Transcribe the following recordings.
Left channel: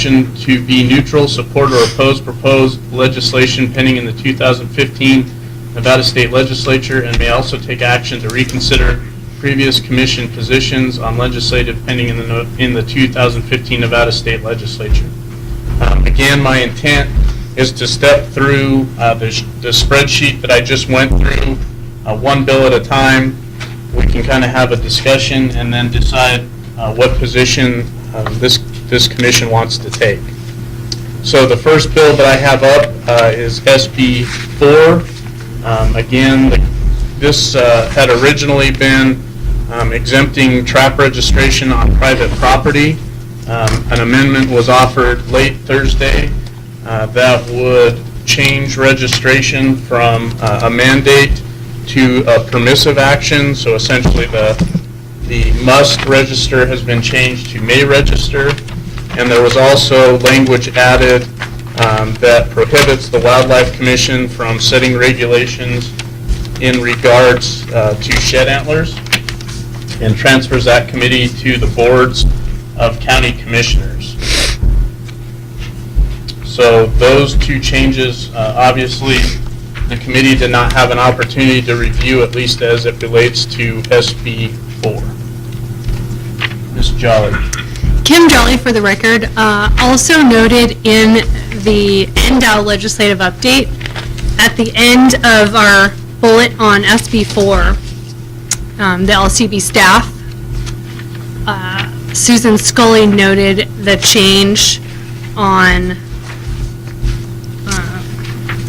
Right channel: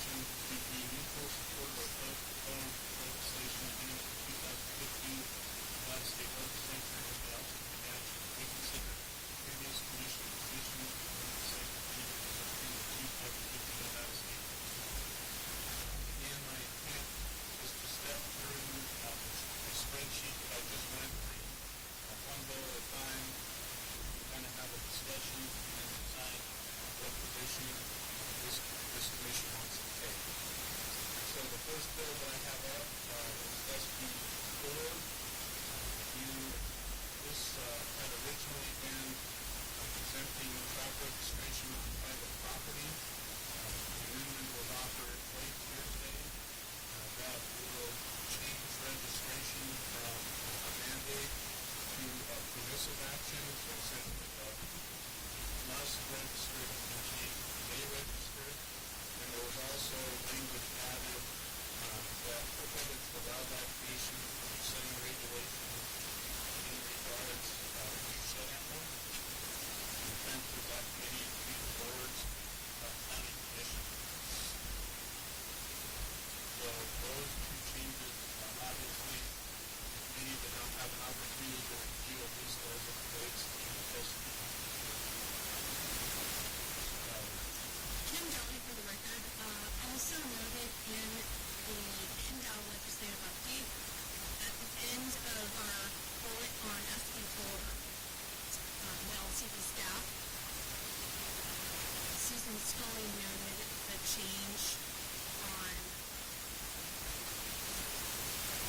action to be neutral, support, or oppose proposed legislation pending in the 2015 Nevada State Legislature, and may also take action to reconsider previous commission positions on legislative pending in the 2015 Nevada State Legislature. Again, my intent is to step through the spreadsheet that I just went through, one bill at a time. We can kind of have a discussion and then decide what position this commission wants to take. So the first bill that I have up is SB 4. Again, this had originally been exempting trap registration on private property. An amendment was offered late Thursday that would change registration from a mandate to a permissive action. So essentially the must register has been changed to may register. And there was also language added that prohibits the Wildlife Commission from setting regulations in regards to shed antlers and transfers that committee to the boards of county commissioners. So those two changes, obviously, the committee did not have an opportunity to review, at least as it relates to SB 4. Ms. Jolly. Kim Jolly, for the record, also noted in the NDOW legislative update at the end of our bullet on SB 4, the LCB staff, Susan Scully noted the change on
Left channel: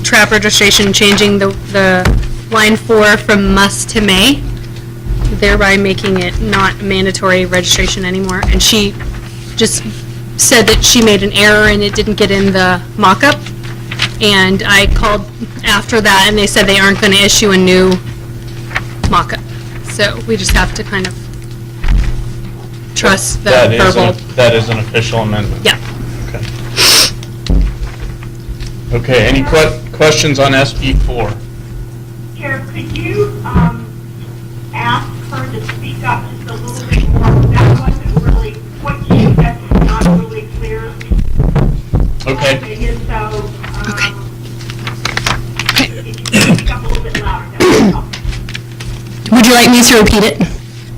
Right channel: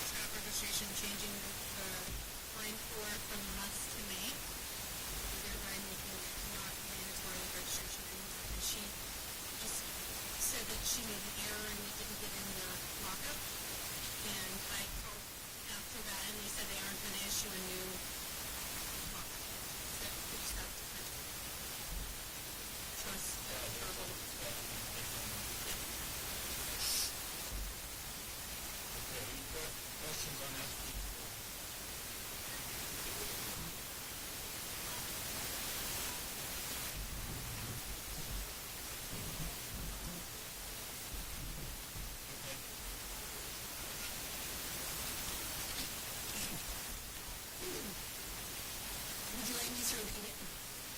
trap registration, changing the line 4 from must to may, thereby making it not mandatory registration anymore. And she just said that she made an error and it didn't get in the mock-up. And I called after that and they said they aren't going to issue a new mock-up. So we just have to kind of trust the verbal. That is an official amendment? Yeah. Okay. Okay, any questions on SB 4? Chair, could you ask her to speak up just a little bit more? That wasn't really, what you said was not really clear. Okay. And so, Okay. if you could speak up a little bit louder, that would help. Would you like me to repeat it?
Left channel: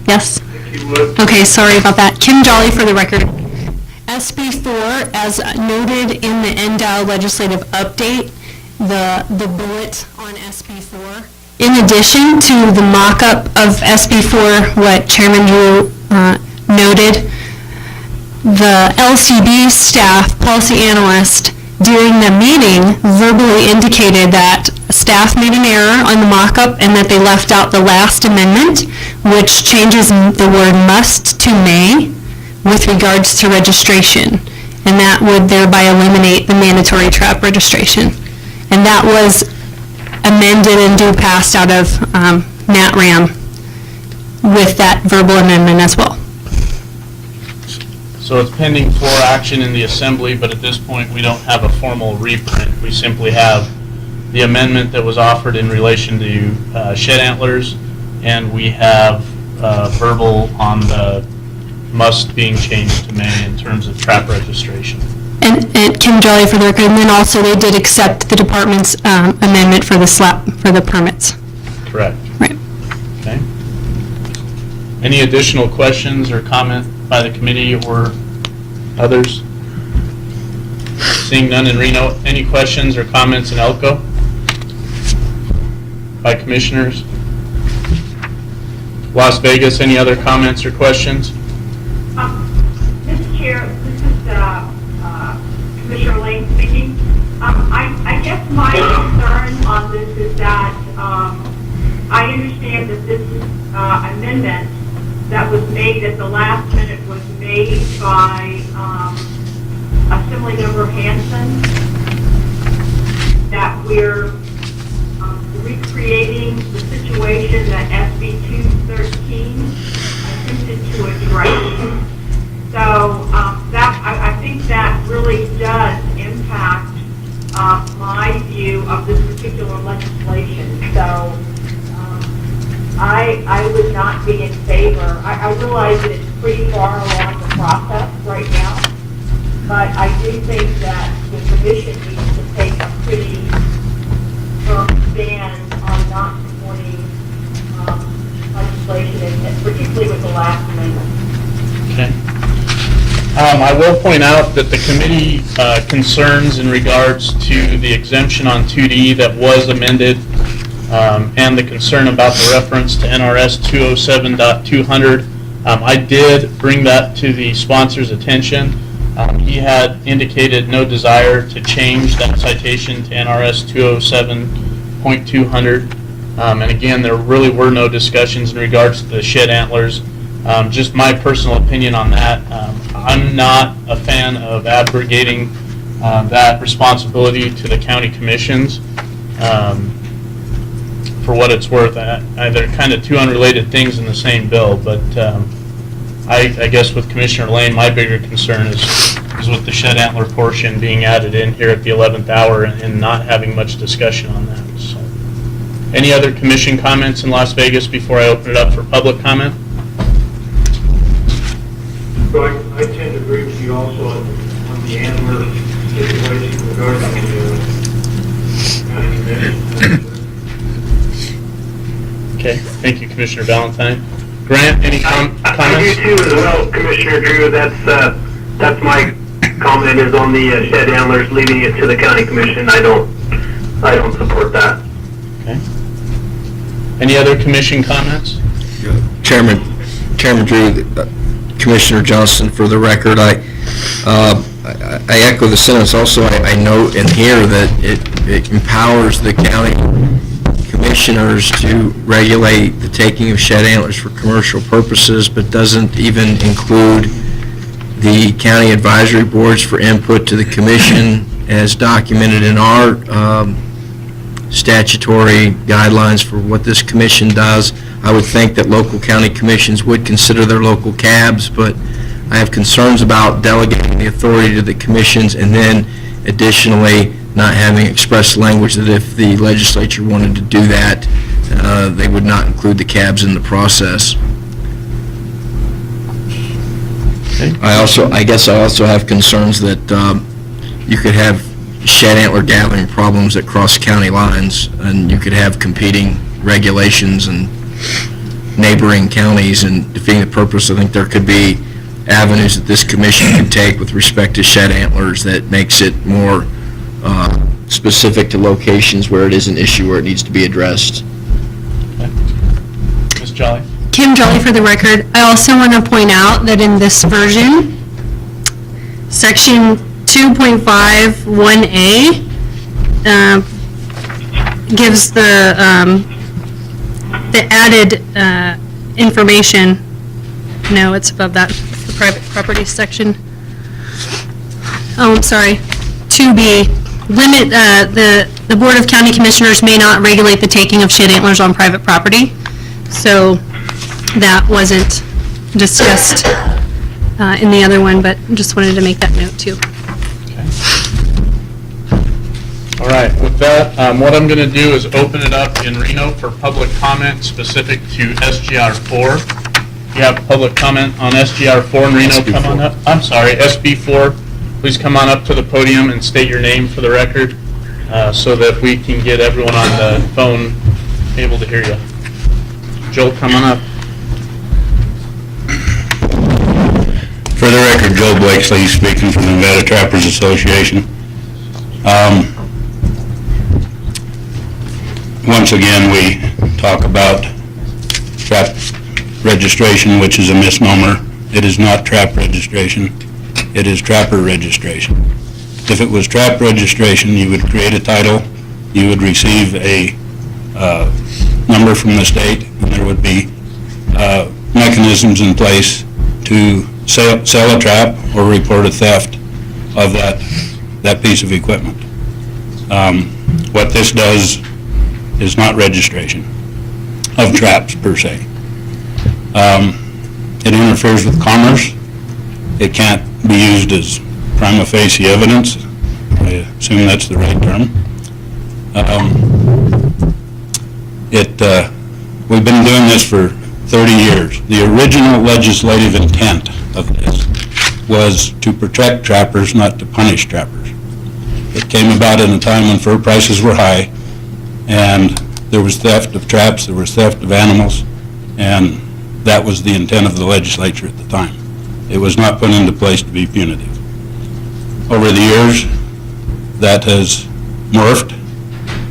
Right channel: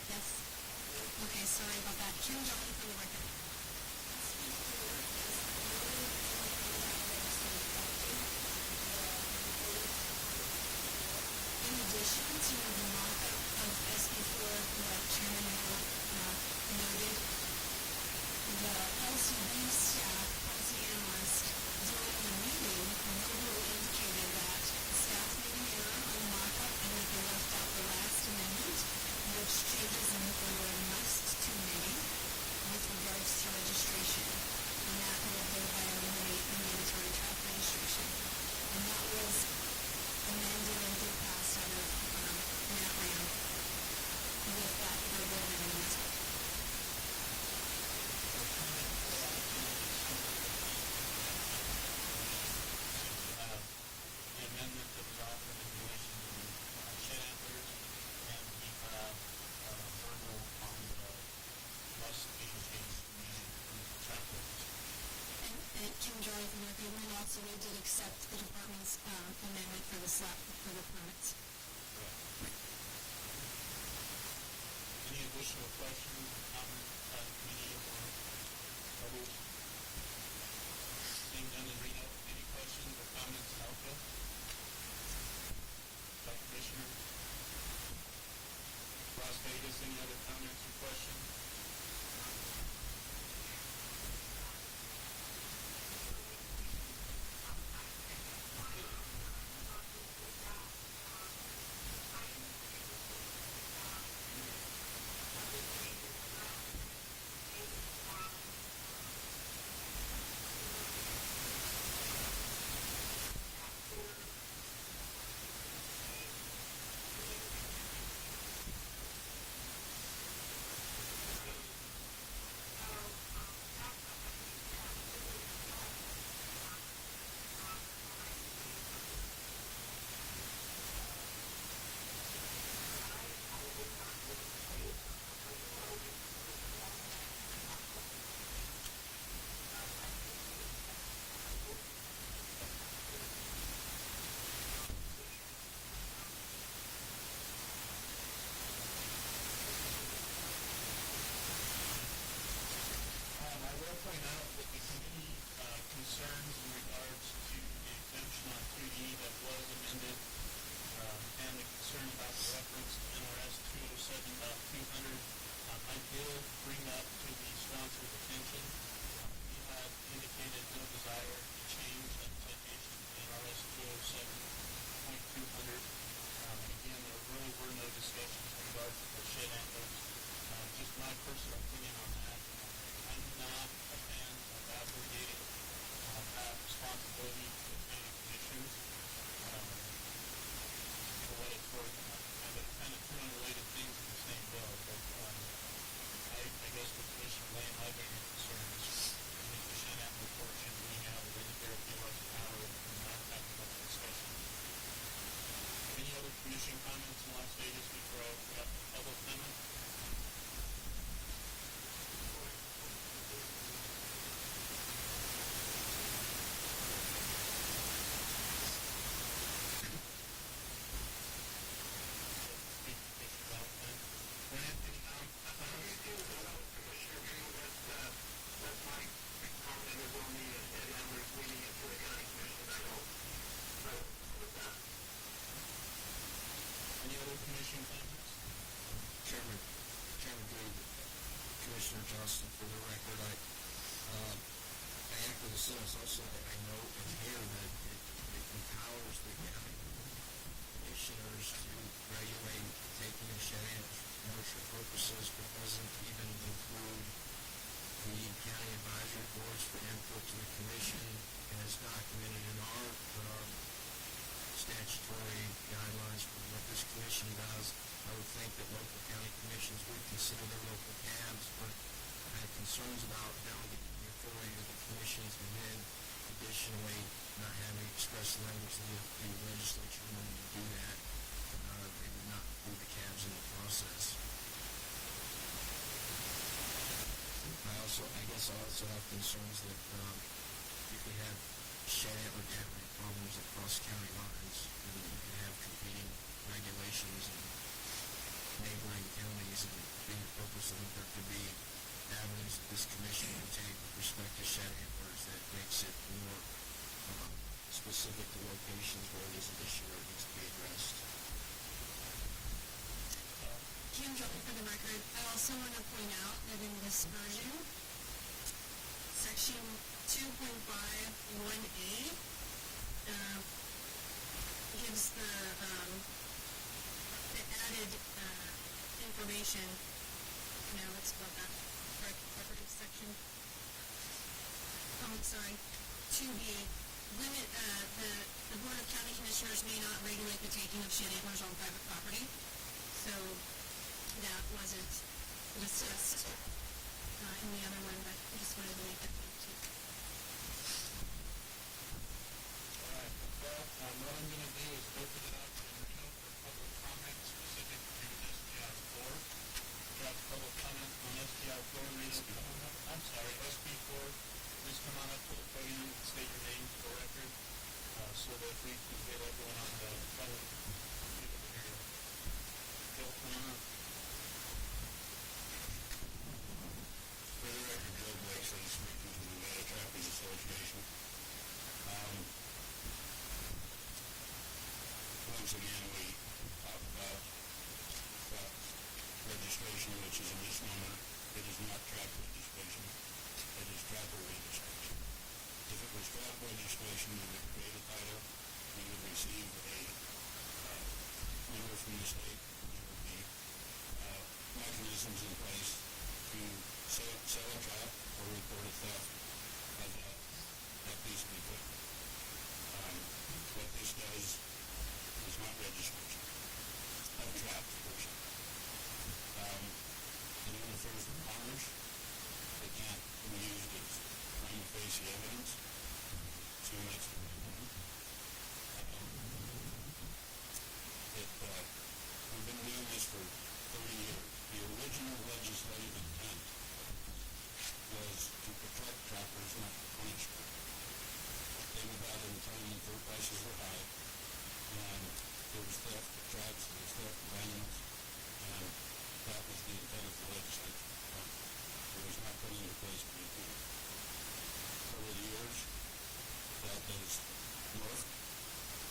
Yes? If you would. Okay, sorry about that. Kim Jolly, for the record. SB 4, as noted in the NDOW legislative update, the bullet on SB 4. In addition to the mock-up of SB 4, what Chairman Drew noted, the LCB staff policy analyst during the meeting verbally indicated that staff made an error on the mock-up and that they left out the last amendment, which changes the word must to may with regards to registration, and that would thereby eliminate the mandatory trap registration. And that was amended and due passed out of NatRam with that verbal amendment as well. So it's pending for action in the Assembly, but at this point we don't have a formal reprint. We simply have the amendment that was offered in relation to shed antlers, and we have verbal on the must being changed to may in terms of trap registration. And Kim Jolly, for the record, and then also they did accept the department's amendment for the permits. Correct. Right. Okay. Any additional questions or comment by the committee or others? Seeing none in Reno, any questions or comments in Elko by commissioners? Las Vegas, any other comments or questions? Mr. Chair, this is Commissioner Lane speaking. I guess my concern on this is that I understand that this amendment that was made at the last minute was made by Assemblymember Hanson, that we're recreating the situation that SB 213 attempted to address. So I think that really does impact my view of this particular legislation. So I would not be in favor. I realize that it's pretty far along the process right now, but I do think that the commission needs to take a pretty firm stand on not supporting legislation, and particularly with the last amendment. Okay. I will point out that the committee concerns in regards to the exemption on 2D that was amended, and the concern about the reference to NRS 207.200. I did bring that to the sponsor's attention. He had indicated no desire to change that citation to NRS 207.200. And again, there really were no discussions in regards to the shed antlers. Just my personal opinion on that. I'm not a fan of abrogating that responsibility to the county commissions. For what it's worth, they're kind of two unrelated things in the same bill, but I guess with Commissioner Lane, my bigger concern is with the shed antler portion being added in here at the 11th hour and not having much discussion on that. So, any other commission comments in Las Vegas before I open it up for public comment? So I tend to agree with you also on the antler situation regarding the county commission. Okay, thank you, Commissioner Valentine. Grant, any I comments? do too as well, Commissioner Drew. That's my comment is on the shed antlers, leaving it to the county commission. I don't support that. Okay. Any other commission comments? Chairman Drew, Commissioner Johnson, for the record, I echo the sentiments. Also, I note in here that it empowers the county commissioners to regulate the taking of shed antlers for commercial purposes, but doesn't even include the county advisory boards for input to the commission as documented in our statutory guidelines for what this commission does. I would think that local county commissions would consider their local cabs, but I have concerns about delegating the authority to the commissions and then additionally not having express language that if the legislature wanted to do that, they would not include the cabs in the process. Okay. I guess I also have concerns that you could have shed antler gathering problems that cross county lines, and you could have competing regulations and neighboring counties and defeating the purpose. I think there could be avenues that this commission can take with respect to shed antlers that makes it more specific to locations where it is an issue where it needs to be addressed. Okay. Ms. Jolly? Kim Jolly for the record. I also want to point out that in this version, section 2.51A gives the added information. No, it's above that, the private property section. Oh, I'm sorry. 2B, limit, the Board of County Commissioners may not regulate the taking of shed antlers on private property. So that wasn't discussed in the other one, but just wanted to make that note too. All right, with that, what I'm going to do is open it up in Reno for public comment specific to SGR 4. If you have public comment on SGR 4 in Reno, come on up. I'm sorry, SB 4. Please come on up to the podium and state your name for the record so that we can get everyone on the phone able to hear you. Joel, come on up. For the record, Joe Blakesley speaking from the Nevada Trappers Association. Once again, we talk about trap registration, which is a misnomer. It is not trap registration. It is trapper registration. If it was trap registration, you would create a title, you would receive a number from the state, and there would be mechanisms in place to sell a trap or report a theft of that piece of equipment. What this does is not registration of traps per se. It interferes with commerce. It can't be used as prima facie evidence. I assume that's the right term. We've been doing this for 30 years. The original legislative intent of this was to protect trappers, not to punish trappers. It came about in a time when fur prices were high, and there was theft of traps, there was theft of animals, and that was the intent of the legislature at the time. It was not put into place to be punitive. Over the years, that has morphed,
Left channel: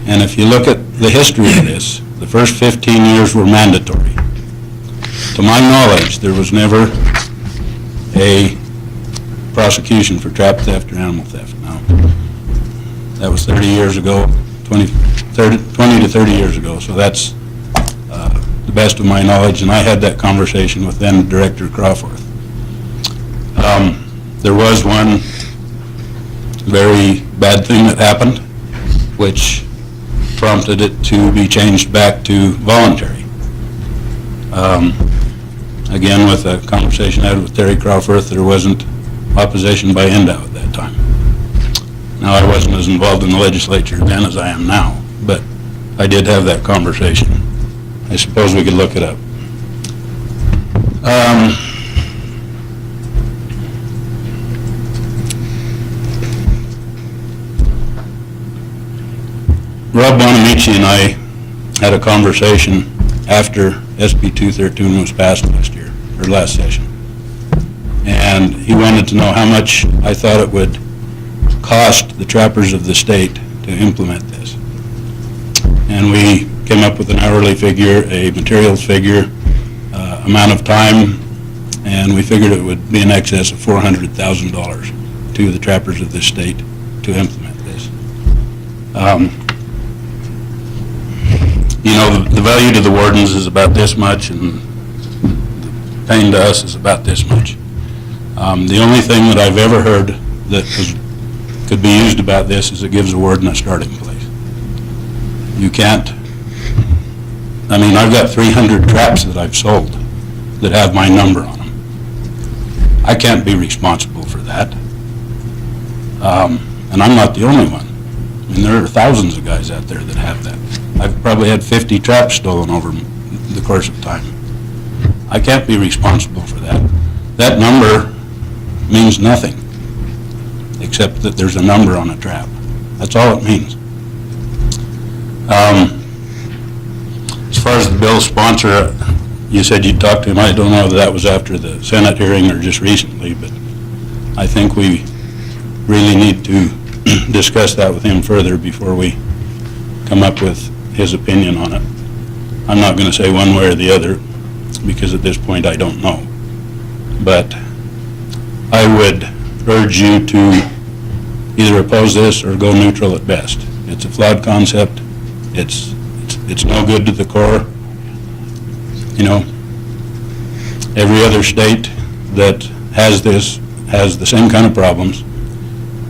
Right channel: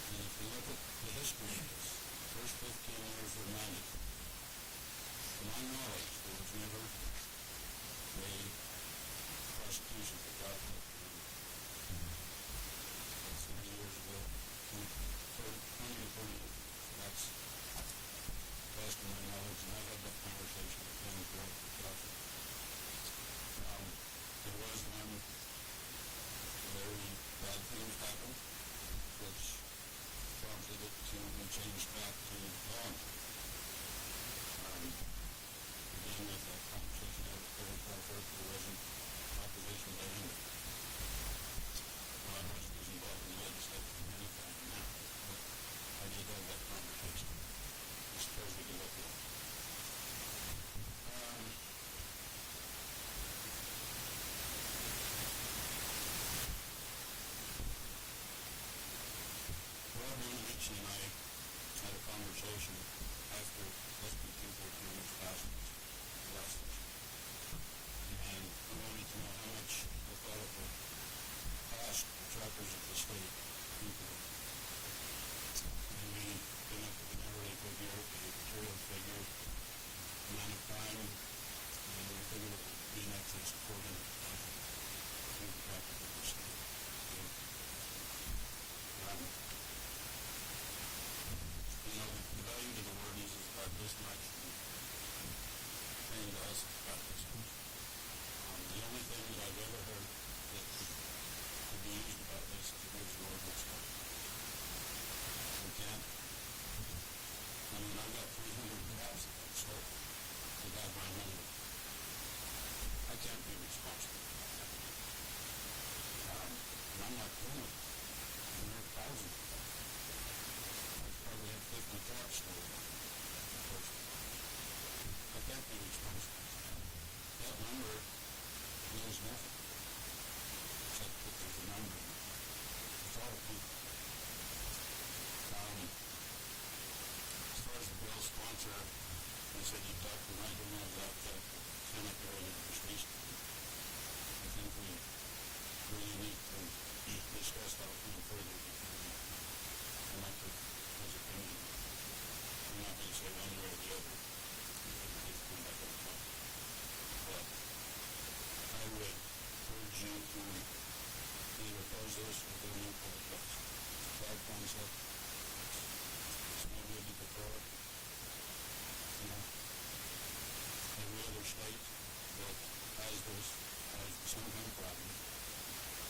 and if you look at the history of this, the first 15 years were mandatory. To my knowledge, there was never a prosecution for trap theft or animal theft. Now, that was 30 years ago, 20 to 30 years ago, so that's the best of my knowledge, and I had that conversation with then Director Crawforth. There was one very bad thing that happened, which prompted it to be changed back to voluntary. Again, with a conversation I had with Terry Crawforth, there wasn't opposition by NDOW at that time. Now, I wasn't as involved in the legislature then as I am now, but I did have that conversation. I suppose we could look it up. Rob Bonamici and I had a conversation after SB 213 was passed last session. And he wanted to know how much I thought it would cost the trappers of the state to implement this. And we came up with an hourly figure, a materials figure, amount of time, and we figured it would be in excess of $400,000 to the trappers of this state to implement this. You know, the value to the wardens is about this much, and the pain to us is about this much. The only thing that I've ever heard that could be used about this is it gives the warden a starting place. You can't, I mean, I've got 300 traps that I've sold that have my number on them. I can't be responsible for that. And I'm not the only one. I mean, there are thousands of guys out there that have that. I've probably had 50 traps stolen over the course of time. I can't be responsible for that. That number means nothing, except that there's a number on a trap. That's all it means. As far as the bill's sponsor, you said you'd talk to him. I don't know if that was after the Senate hearing or just recently, but I think we really need to discuss that with him further before we come up with his opinion on it. I'm not going to say one way or the other, because at this point I don't know. But I would urge you to either oppose this or go neutral at best. It's a flawed concept. It's no good to the core. You know, every other state that has this has the same kind of problems.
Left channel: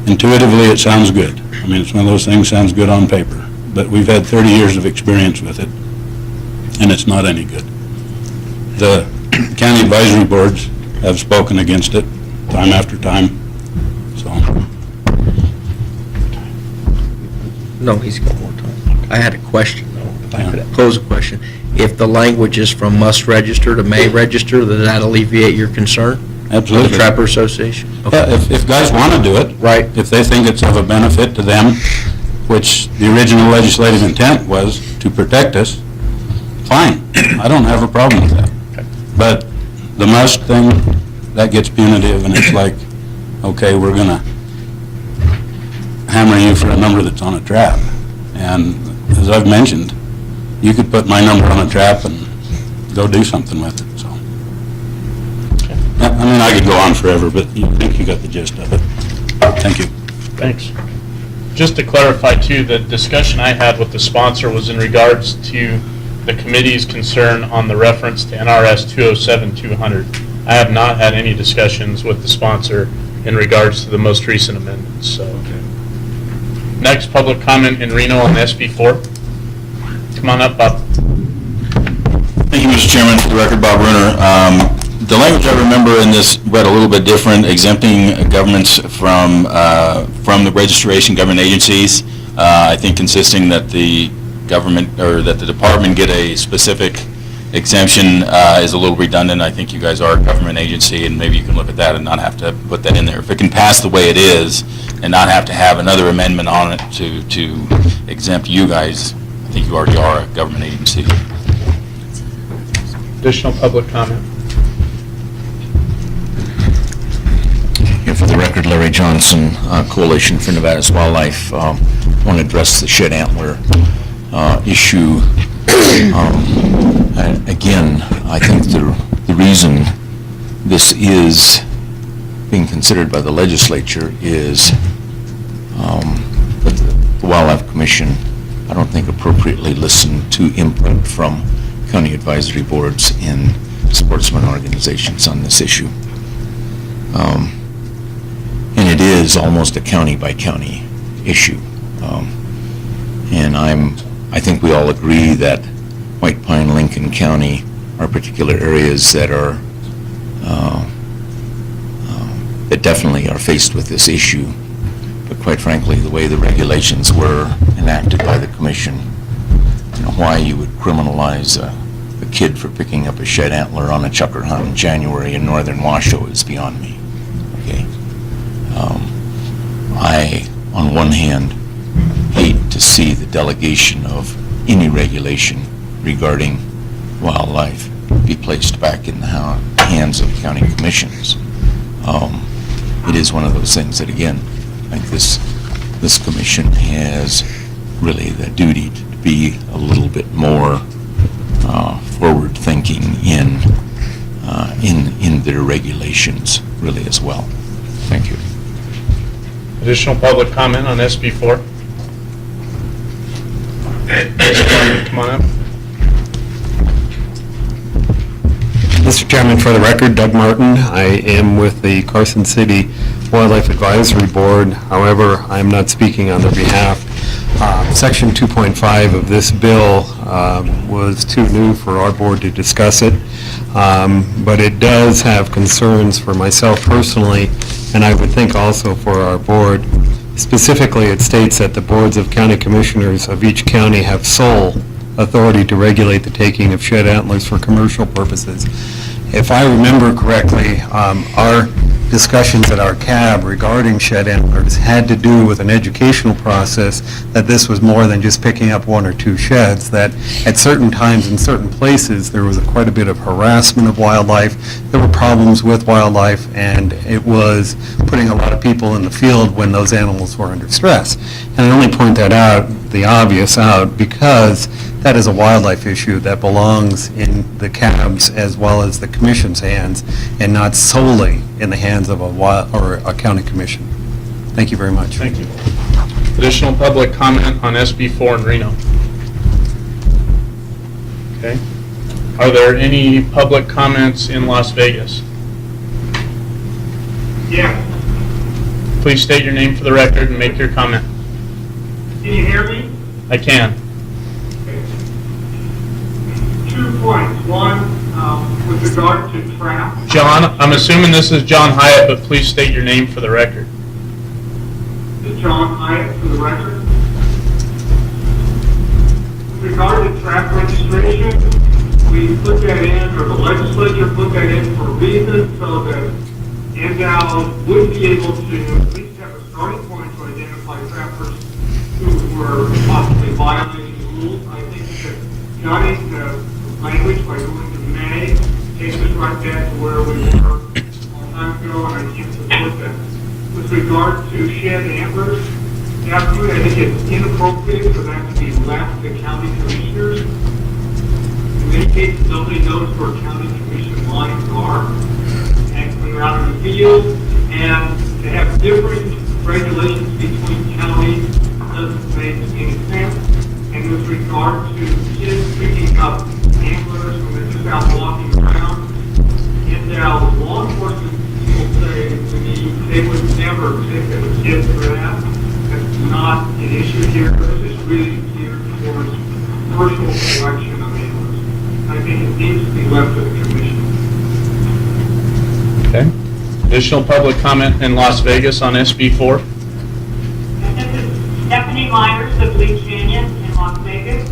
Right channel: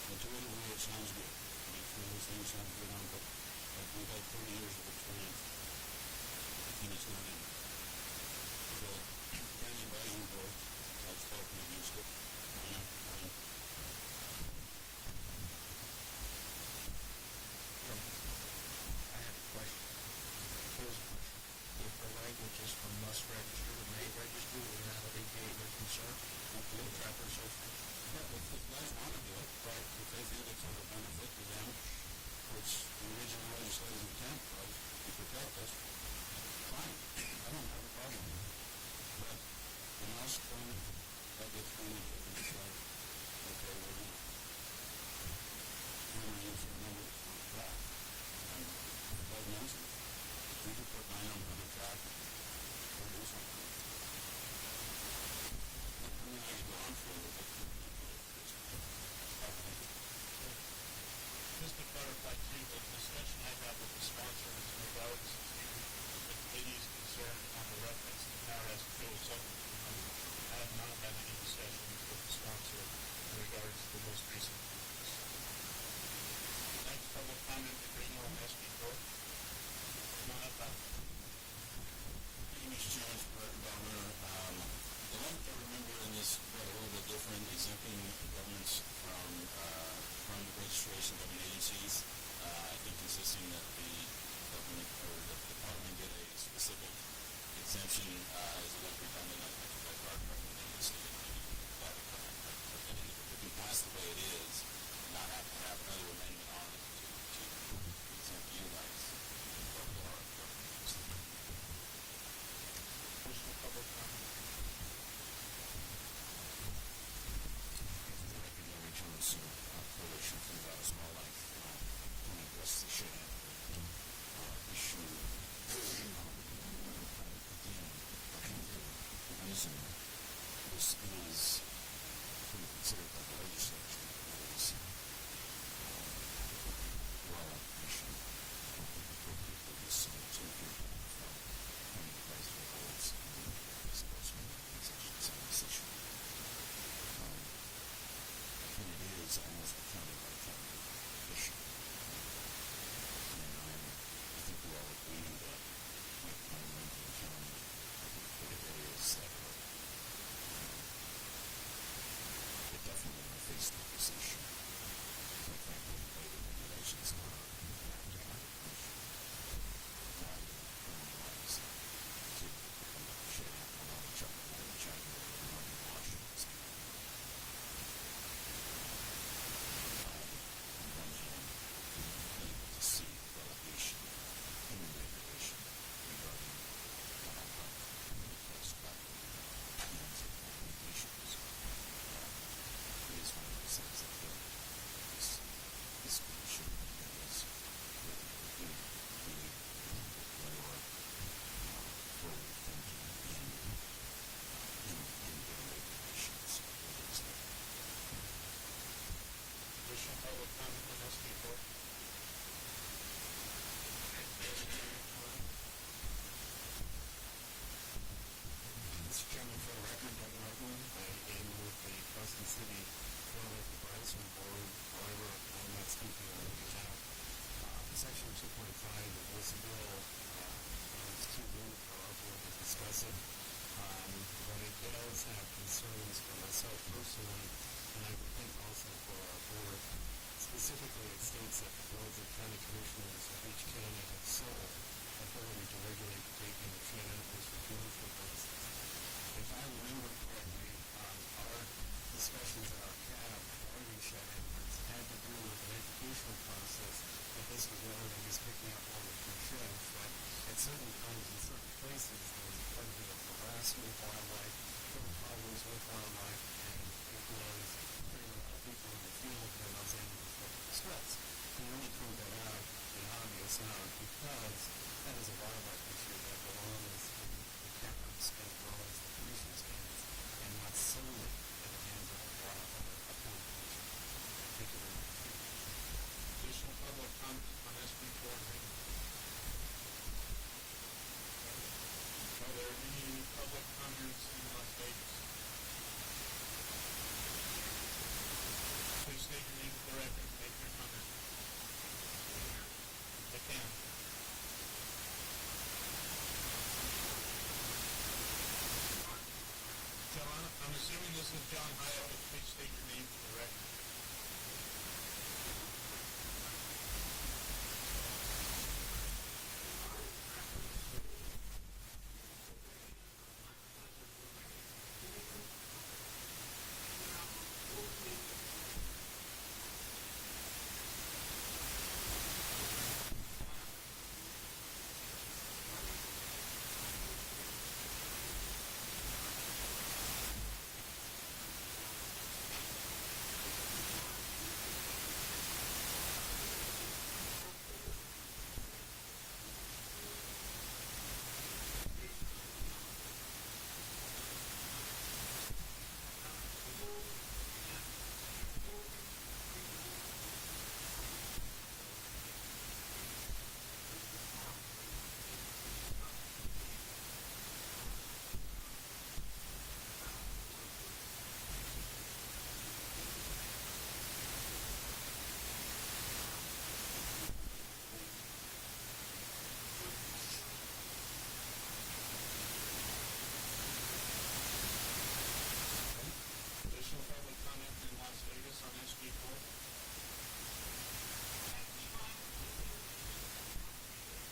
Intuitively, it sounds good. I mean, it's one of those things, sounds good on paper. But we've had 30 years of experience with it, and it's not any good. The county advisory boards have spoken against it time after time, so. No, he's got more time. I had a question, though, if I could pose a question. If the language is from must register to may register, does that alleviate your concern? Absolutely. The Trapper Association? Okay. Yeah, if guys want to do it. Right. If they think it's of a benefit to them, which the original legislative intent was to protect us, fine. I don't have a problem with that. But the must thing, that gets punitive, and it's like, okay, we're going to hammer you for a number that's on a trap. And as I've mentioned, you could put my number on a trap and go do something with it, so. I mean, I could go on forever, but I think you got the gist of it. Thank you. Thanks. Just to clarify, too, the discussion I had with the sponsor was in regards to the committee's concern on the reference to NRS 207-200. I have not had any discussions with the sponsor in regards to the most recent amendments, so. Next, public comment in Reno on SB4. Come on up, Bob. Thank you, Mr. Chairman. For the record, Bob Bruner. The language I remember in this read a little bit different, exempting governments from the registration government agencies. I think consisting that the government or that the department get a specific exemption is a little redundant. I think you guys are a government agency, and maybe you can look at that and not have to put that in there. If it can pass the way it is and not have to have another amendment on it to exempt you guys, I think you already are a government agency. Additional public comment? Here for the record, Larry Johnson, Coalition for Nevada's Wildlife. Want to address the shed antler issue. And again, I think the reason this is being considered by the legislature is that the Wildlife Commission, I don't think appropriately listened to input from county advisory boards and sportsman organizations on this issue. And it is almost a county-by-county issue. And I think we all agree that White Pine, Lincoln County are particular areas that are that definitely are faced with this issue. But quite frankly, the way the regulations were enacted by the commission, why you would criminalize a kid for picking up a shed antler on a chucker hunt in January in northern Washoe is beyond me. Okay. I, on one hand, hate to see the delegation of any regulation regarding wildlife be placed back in the hands of county commissions. It is one of those things that, again, I think this commission has really the duty to be a little bit more forward-thinking in their regulations, really, as well. Thank you. Additional public comment on SB 4? Come on up. Mr. Chairman, for the record, Doug Martin. I am with the Carson City Wildlife Advisory Board. However, I am not speaking on their behalf. Section 2.5 of this bill was too new for our board to discuss it, but it does have concerns for myself personally, and I would think also for our board. Specifically, it states that the boards of county commissioners of each county have sole authority to regulate the taking of shed antlers for commercial purposes. If I remember correctly, our discussions at our CAB regarding shed antlers had to do with an educational process, that this was more than just picking up one or two sheds, that at certain times in certain places there was quite a bit of harassment of wildlife, there were problems with wildlife, and it was putting a lot of people in the field when those animals were under stress. And I only point that out, the obvious out, because that is a wildlife issue that belongs in the CAB's as well as the commission's hands, and not solely in the hands of a county commission. Thank you very much. Thank you. Additional public comment on SB 4 in Reno? Okay. Are there any public comments in Las Vegas? Yes. Please state your name for the record and make your comment. Can you hear me? I can. 2 points. One, with regard to trap. John, I'm assuming this is John Hyatt, but please state your name for the record. This is John Hyatt for the record. With regard to trap registration, we put that in, or the legislature put that in for a reason, so that NDOW would be able to at least have a starting point to identify trappers who were possibly violating the rules. I think that jotting the language by going to May takes us right back to where we were a long time ago, and I can't support that. With regard to shed antlers, absolutely, I think it's inappropriate for that to be left to county commissioners. In many cases, nobody knows where county commission lines are, and when they're out in the field, and to have different regulations between counties doesn't make any sense. And with regard to kids picking up anglers when they're just out walking around, and now law enforcement people say to me they would never take a kid for that. That's not an issue here. This is really geared towards commercial collection of anglers. I think it needs to be left to the commission. Okay. Additional public comment in Las Vegas on SB 4? This is Stephanie Myers of Lee Canyon in Las Vegas.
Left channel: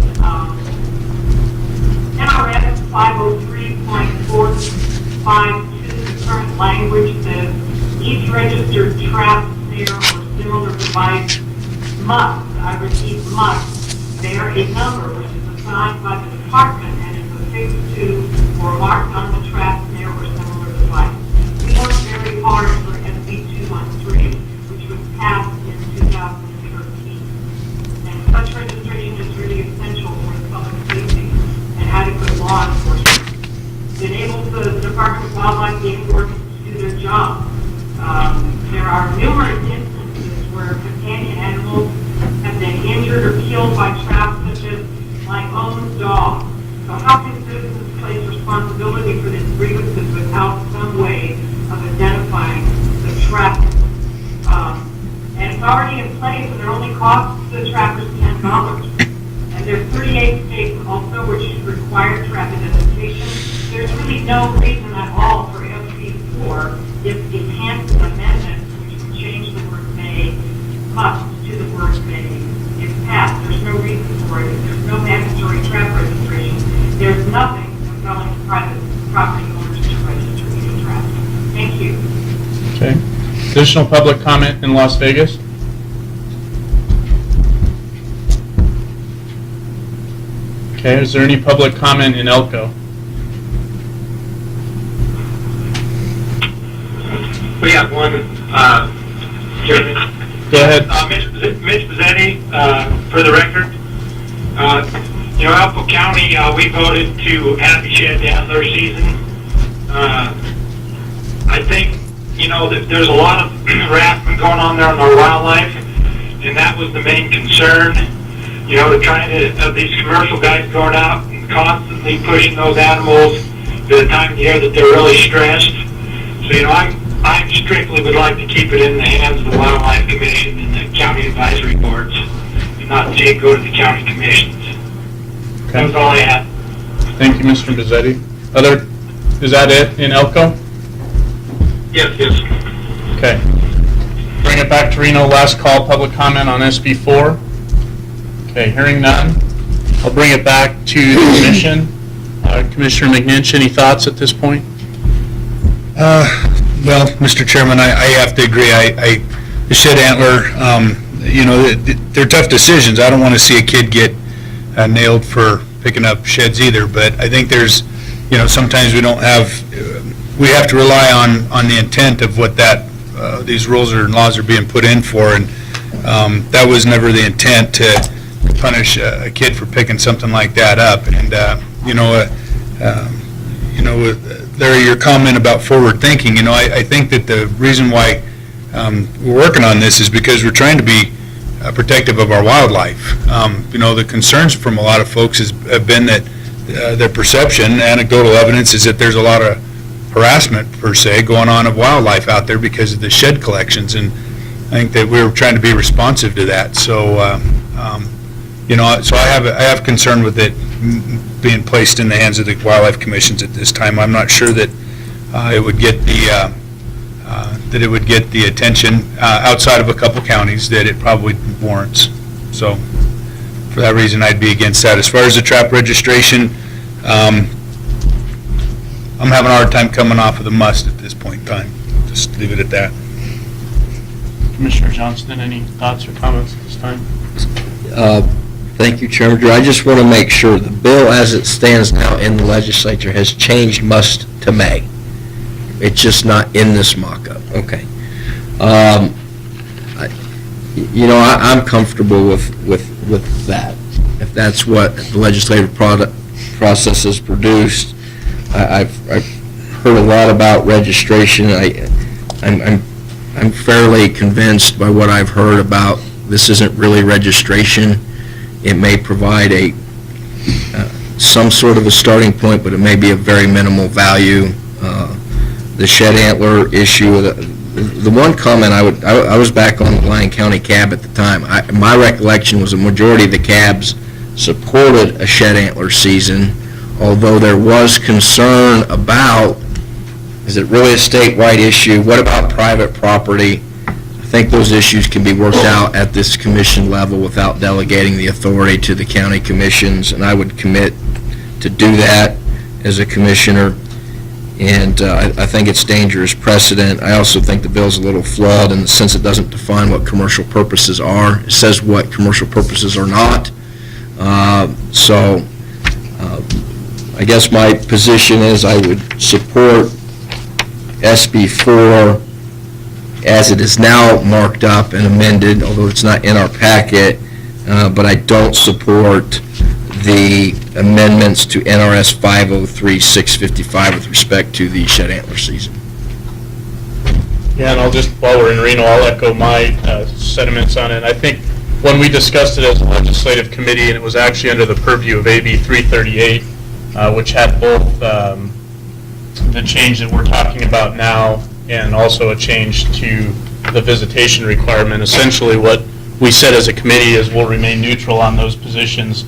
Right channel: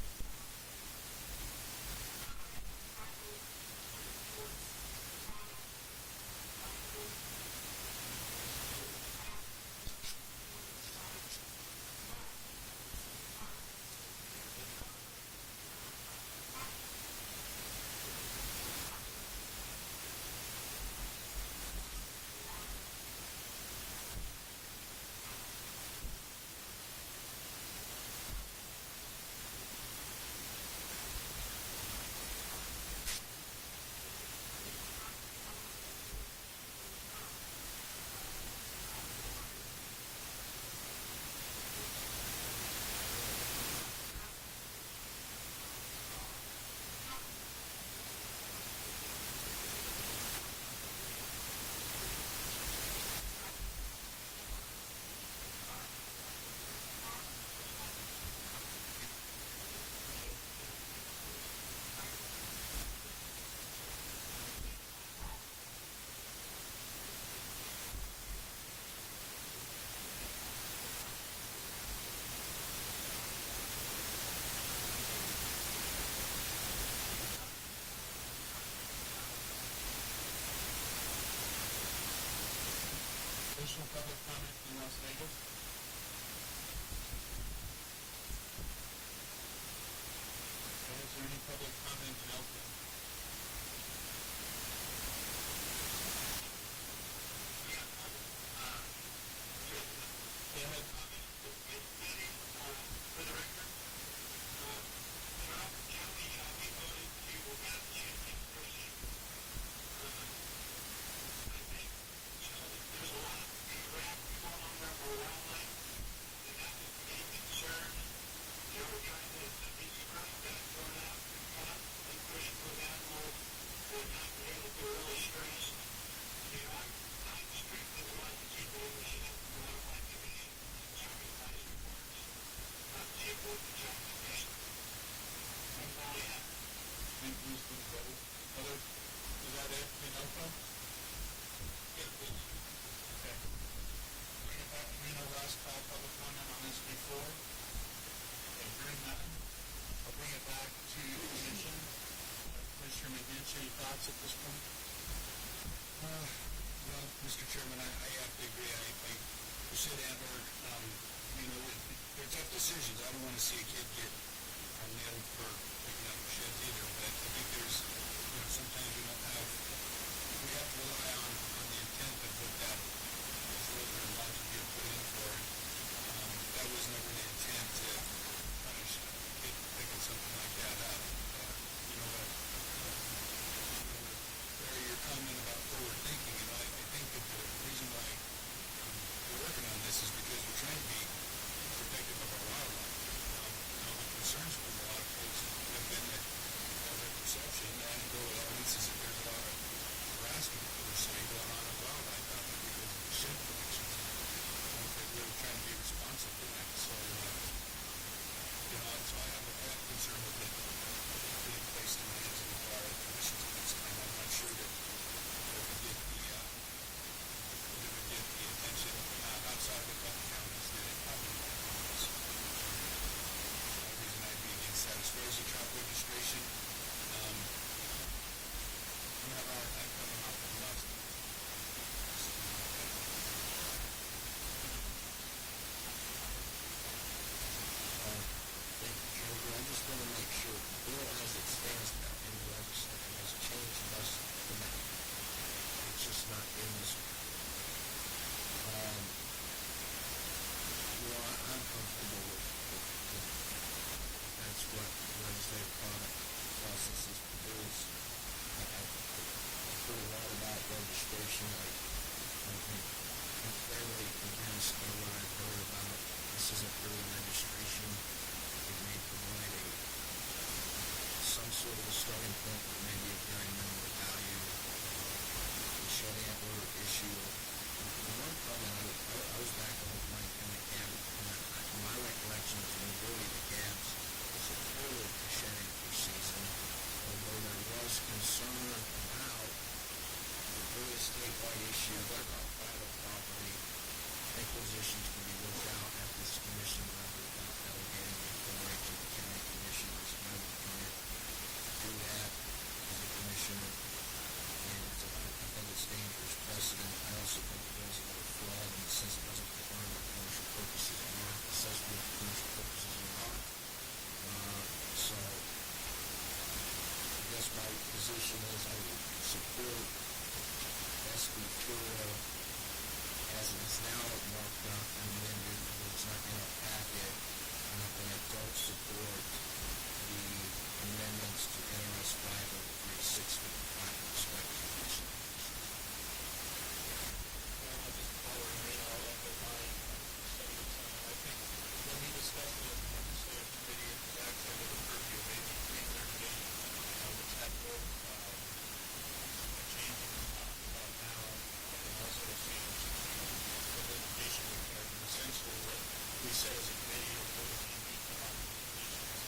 NRS 503.452, the current language says each registered trap, snare, or similar device must, I repeat, must bear a number which is assigned by the department and is affixed to or marked on the trap, snare, or similar device. We worked very hard for SB 213, which was passed in 2013. And such registration is really essential for public safety and adequate law enforcement. It enables the Department of Wildlife Game Wardens to do their job. There are numerous instances where companion animals have been injured or killed by traps, such as my own dog. So how can citizens place responsibility for these grievances without some way of identifying the trap? And it's already in place, and it only costs the trappers $10. And there's 38 states also which require trap identification. There's really no reason at all for SB4 if the enhanced amendment, which would change the word may, must to the word may, is passed. There's no reason for it. There's no mandatory trap registration. There's nothing compelling private property owners to register these traps. Thank you. Okay. Additional public comment in Las Vegas? Okay, is there any public comment in Elko? We have one, Chairman. Go ahead. Mitch Pizzetti, for the record. Elko County, we voted to have the shed antler season. I think, that there's a lot of harassment going on there on our wildlife, and that was the main concern. These commercial guys going out and constantly pushing those animals at the time of the year that they're really stressed. So, I strictly would like to keep it in the hands of the Wildlife Commission and the county advisory boards, and not see it go to the county commissions. That was all I had. Thank you, Mr. Bizzetti. Is that it in Elko? Yes. Okay. Bring it back to Reno. Last call, public comment on SB4. Okay, hearing none. I'll bring it back to the commission. Commissioner McNinch, any thoughts at this point? Well, Mr. Chairman, I have to agree. The shed antler, they're tough decisions. I don't want to see a kid get nailed for picking up sheds either, but I think there's, sometimes we have to rely on the intent of what these rules and laws are being put in for, and that was never the intent to punish a kid for picking something like that up. And, Larry, your comment about forward thinking, I think that the reason why we're working on this is because we're trying to be protective of our wildlife. The concerns from a lot of folks have been that their perception, anecdotal evidence, is that there's a lot of harassment, per se, going on of wildlife out there because of the shed collections, and I think that we're trying to be responsive to that. So, so I have concern with it being placed in the hands of the wildlife commissions at this time. I'm not sure that it would get the attention outside of a couple counties that it probably warrants. So, for that reason, I'd be against that. As far as the trap registration, I'm having a hard time coming off of the must at this point in time. Just leave it at that. Commissioner Johnston, any thoughts or comments at this time? Thank you, Chairman Drew. I just want to make sure the bill as it stands now in the legislature has changed must to may. It's just not in this mock-up. Okay. I'm comfortable with that. If that's what the legislative process has produced, I've heard a lot about registration. I'm fairly convinced by what I've heard about this isn't really registration. It may provide some sort of a starting point, but it may be of very minimal value. The shed antler issue, the one comment I was back on the Lyon County cab at the time. My recollection was a majority of the cabs supported a shed antler season, although there was concern about, is it really a statewide issue? What about private property? I think those issues can be worked out at this commission level without delegating the authority to the county commissions, and I would commit to do that as a commissioner, and I think it's dangerous precedent. I also think the bill's a little flawed in the sense it doesn't define what commercial purposes are. It says what commercial purposes are not. So I guess my position is I would support SB 4 as it is now marked up and amended, although it's not in our packet, but I don't support the amendments to NRS 503-655 with respect to the shed antler season. Yeah, and I'll just, while we're in Reno, I'll echo my sentiments on it. I think when we discussed it as a legislative committee, and it was actually under the purview of AB 338, which had both the change that we're talking about now and also a change to the visitation requirement. Essentially, what we said as a committee is we'll remain neutral on those positions.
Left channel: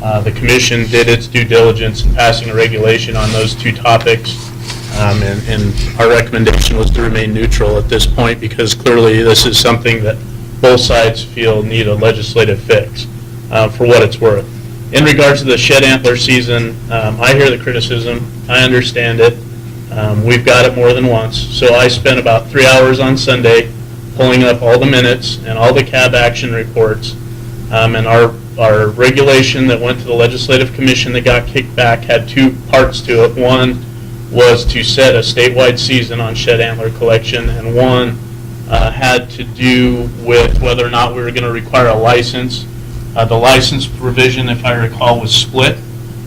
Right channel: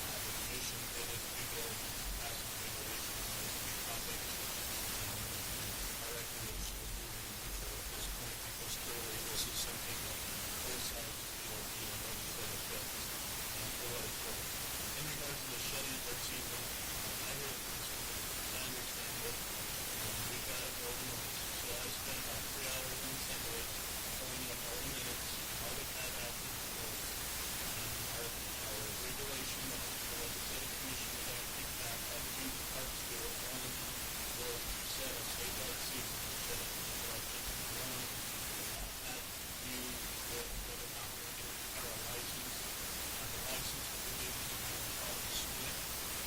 The commission did its due diligence in passing a regulation on those two topics, and our recommendation was to remain neutral at this point because clearly this is something that both sides feel need a legislative fix, for what it's worth. In regards to the shed antler season, I hear the criticism. I understand it. We've got it more than once. So I spent about 3 hours on Sunday pulling up all the minutes and all the cab action reports. And our regulation that went to the Legislative Commission that got kicked back had two parts to it. One was to set a statewide season on shed antler collection, and one had to do with whether or not we were going to require a license. The license provision, if I recall, was split.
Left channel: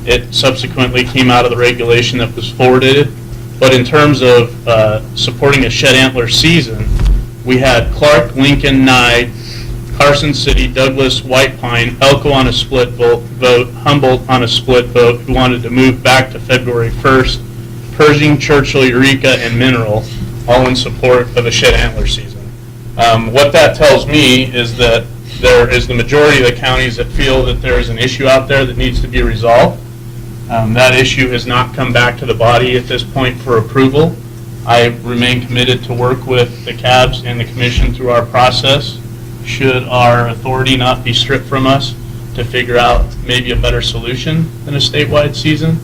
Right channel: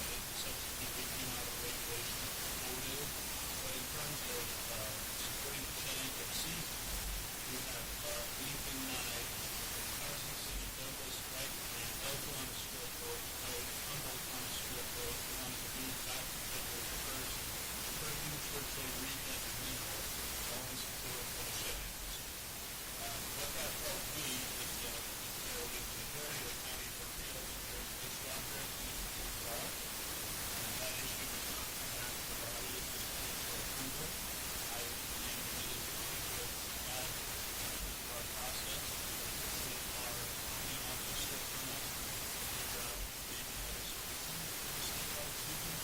It subsequently came out of the regulation that was forwarded. But in terms of supporting a shed antler season, we had Clark, Lincoln, Nye, Carson City, Douglas, White Pine, Elko on a split vote, Humboldt on a split vote, who wanted to move back to February 1st, Pershing, Churchill, Eureka, and Mineral, all in support of a shed antler season. What that tells me is that there is the majority of the counties that feel that there is an issue out there that needs to be resolved. That issue has not come back to the body at this point for approval. I remain committed to work with the CABs and the Commission through our process, should our authority not be stripped from us, to figure out maybe a better solution than a statewide season.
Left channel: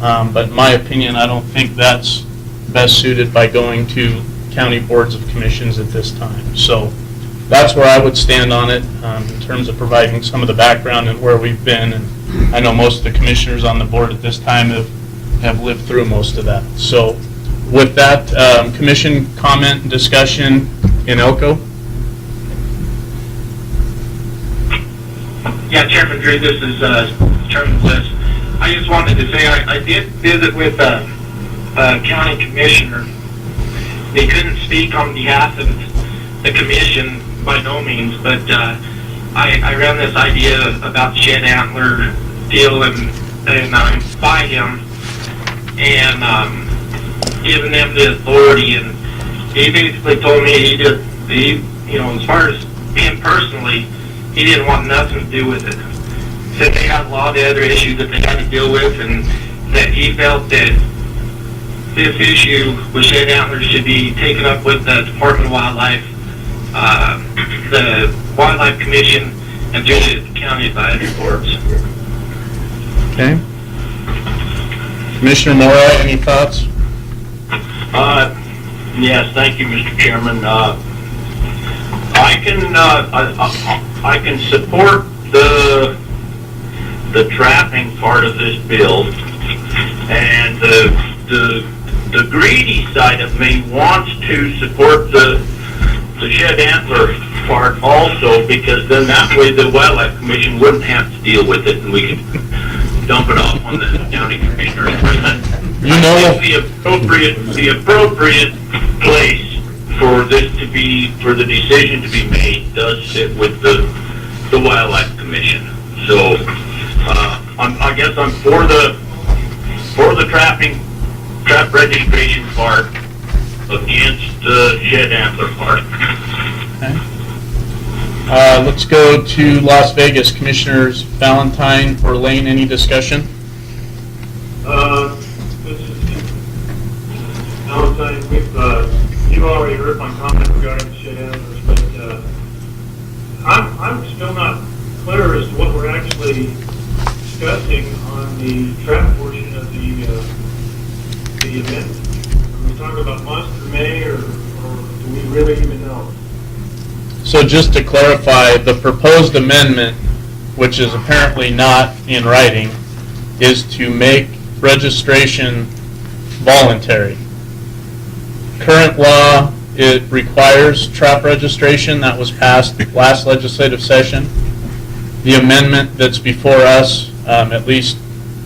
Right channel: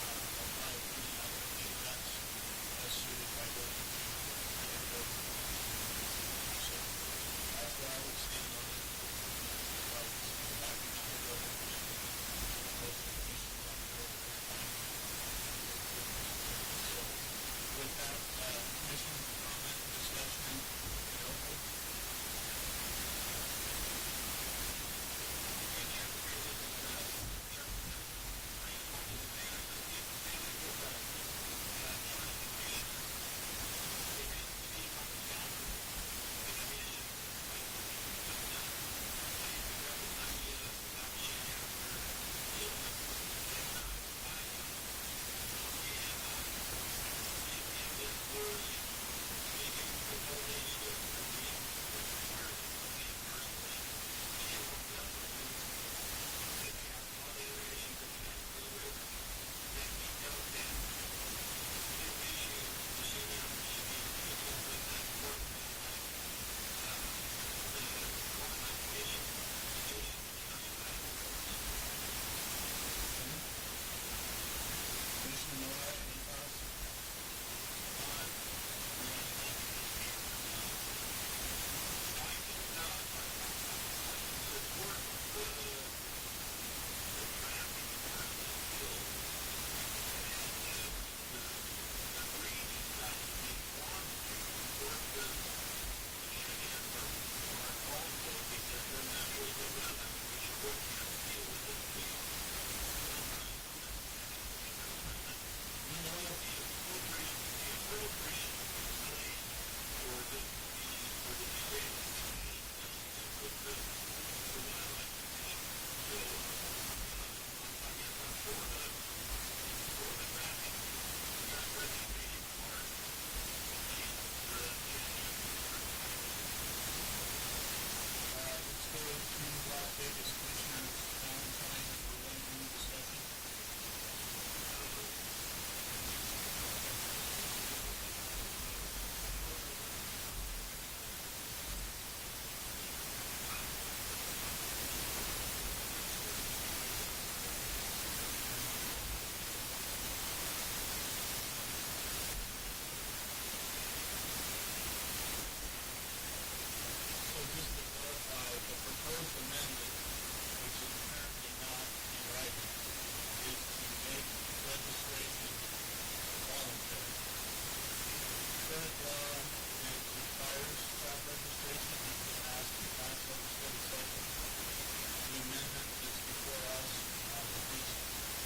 But in my opinion, I don't think that's best suited by going to county boards of commissions at this time. So that's where I would stand on it in terms of providing some of the background and where we've been. And I know most of the commissioners on the board at this time have lived through most of that. So with that, commission comment and discussion in Elko. Yeah, Chairman Drew, this is Chairman Bliss. I just wanted to say I did visit with a county commissioner. They couldn't speak on behalf of the commission by no means, but I ran this idea about the shed antler deal and by him and giving them the authority, and he basically told me as far as him personally, he didn't want nothing to do with it. Said they had a lot of other issues that they had to deal with, and that he felt that this issue with shed antlers should be taken up with the Department of Wildlife, the Wildlife Commission, and through the county advisory boards. Okay. Commissioner Mora, any thoughts? Yes, thank you, Mr. Chairman. I can support the trapping part of this bill, and the greedy side of me wants to support the shed antler part also, because then that way the Wildlife Commission wouldn't have to deal with it, and we could dump it off on the county commissioners. The appropriate place for this to be, for the decision to be made, does sit with the Wildlife Commission. So I guess I'm for the trap registration part, against the shed antler part. Okay. Let's go to Las Vegas. Commissioners Valentine or Lane, any discussion? This is Valentine. You've already heard my comment regarding the shed antlers, but I'm still not clear as to what we're actually discussing on the trap portion of the amendment? Are we talking about must or may, or do we really even know? So just to clarify, the proposed amendment, which is apparently not in writing, is to make registration voluntary. Current law, it requires trap registration. That was passed last legislative session. The amendment that's before us, at least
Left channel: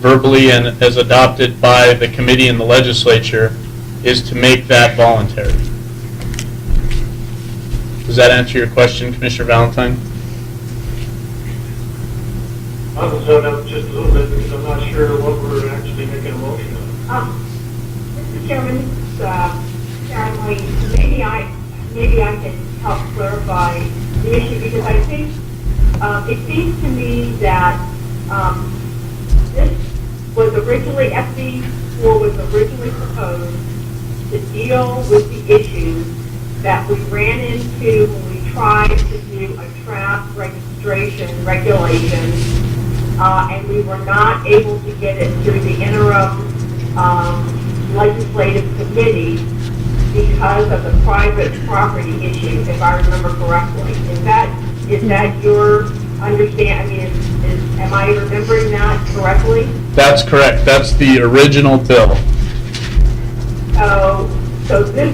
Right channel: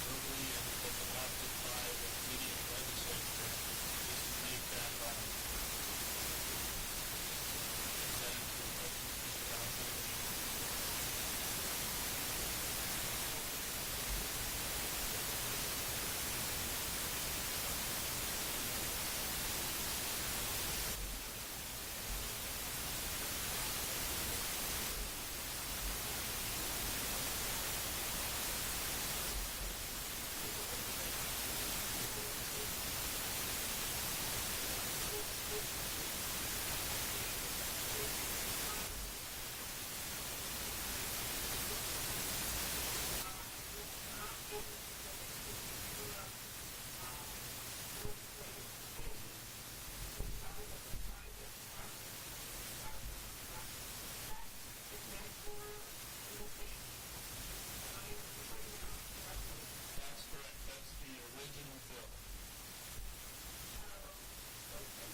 verbally and as adopted by the committee and the legislature, is to make that voluntary. Does that answer your question, Commissioner Valentine? I was zoned up just a little bit because I'm not sure what we're actually making a motion on. Mr. Chairman, Karen Lee, maybe I can help clarify the issue, because I think it seems to me that this was originally, SB4 was originally proposed to deal with the issues that we ran into when we tried to do a trap registration regulation, and we were not able to get it through the interim legislative committee because of the private property issue, if I remember correctly. Is that your understanding? I mean, am I remembering that correctly? That's correct. That's the original bill. So this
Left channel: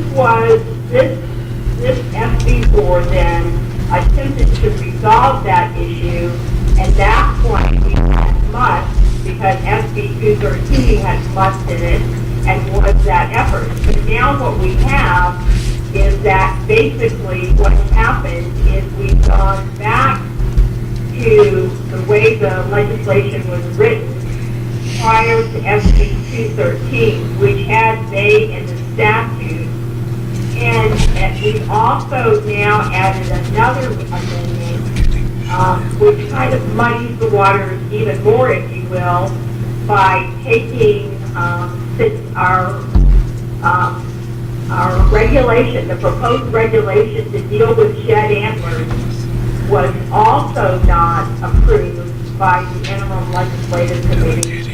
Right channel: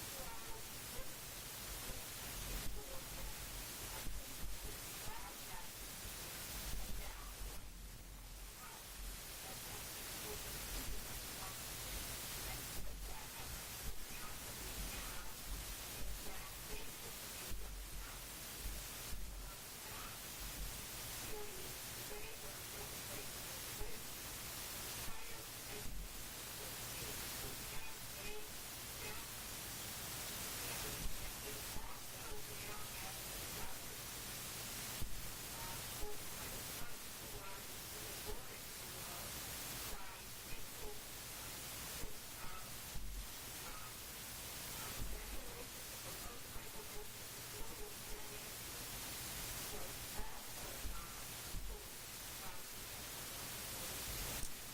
SB4 then attempted to resolve that issue, and that point we had must, because SB 213 had must in it, and was that effort. But now what we have is that basically what happened is we've gone back to the way the legislation was written prior to SB 213, which had may in the statute. And we also now added another amendment, which kind of muddies the waters even more, if you will, by taking our regulation, the proposed regulation to deal with shed antlers, was also not approved by the interim legislative committee.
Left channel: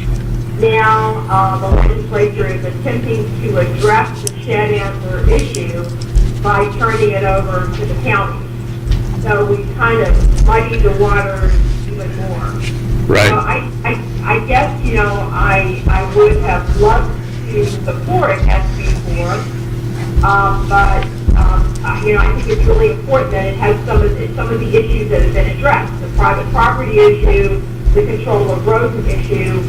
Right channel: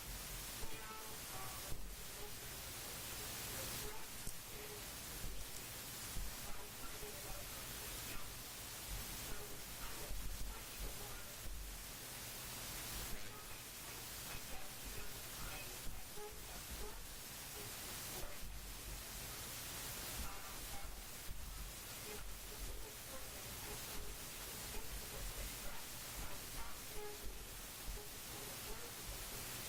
Now, the legislature is attempting to address the shed antler issue by turning it over to the county. So we kind of muddy the waters even more. Right. So I guess, I would have loved to support SB4, but, I think it's really important that it has some of the issues that have been addressed, the private property issue, the control of roads issue.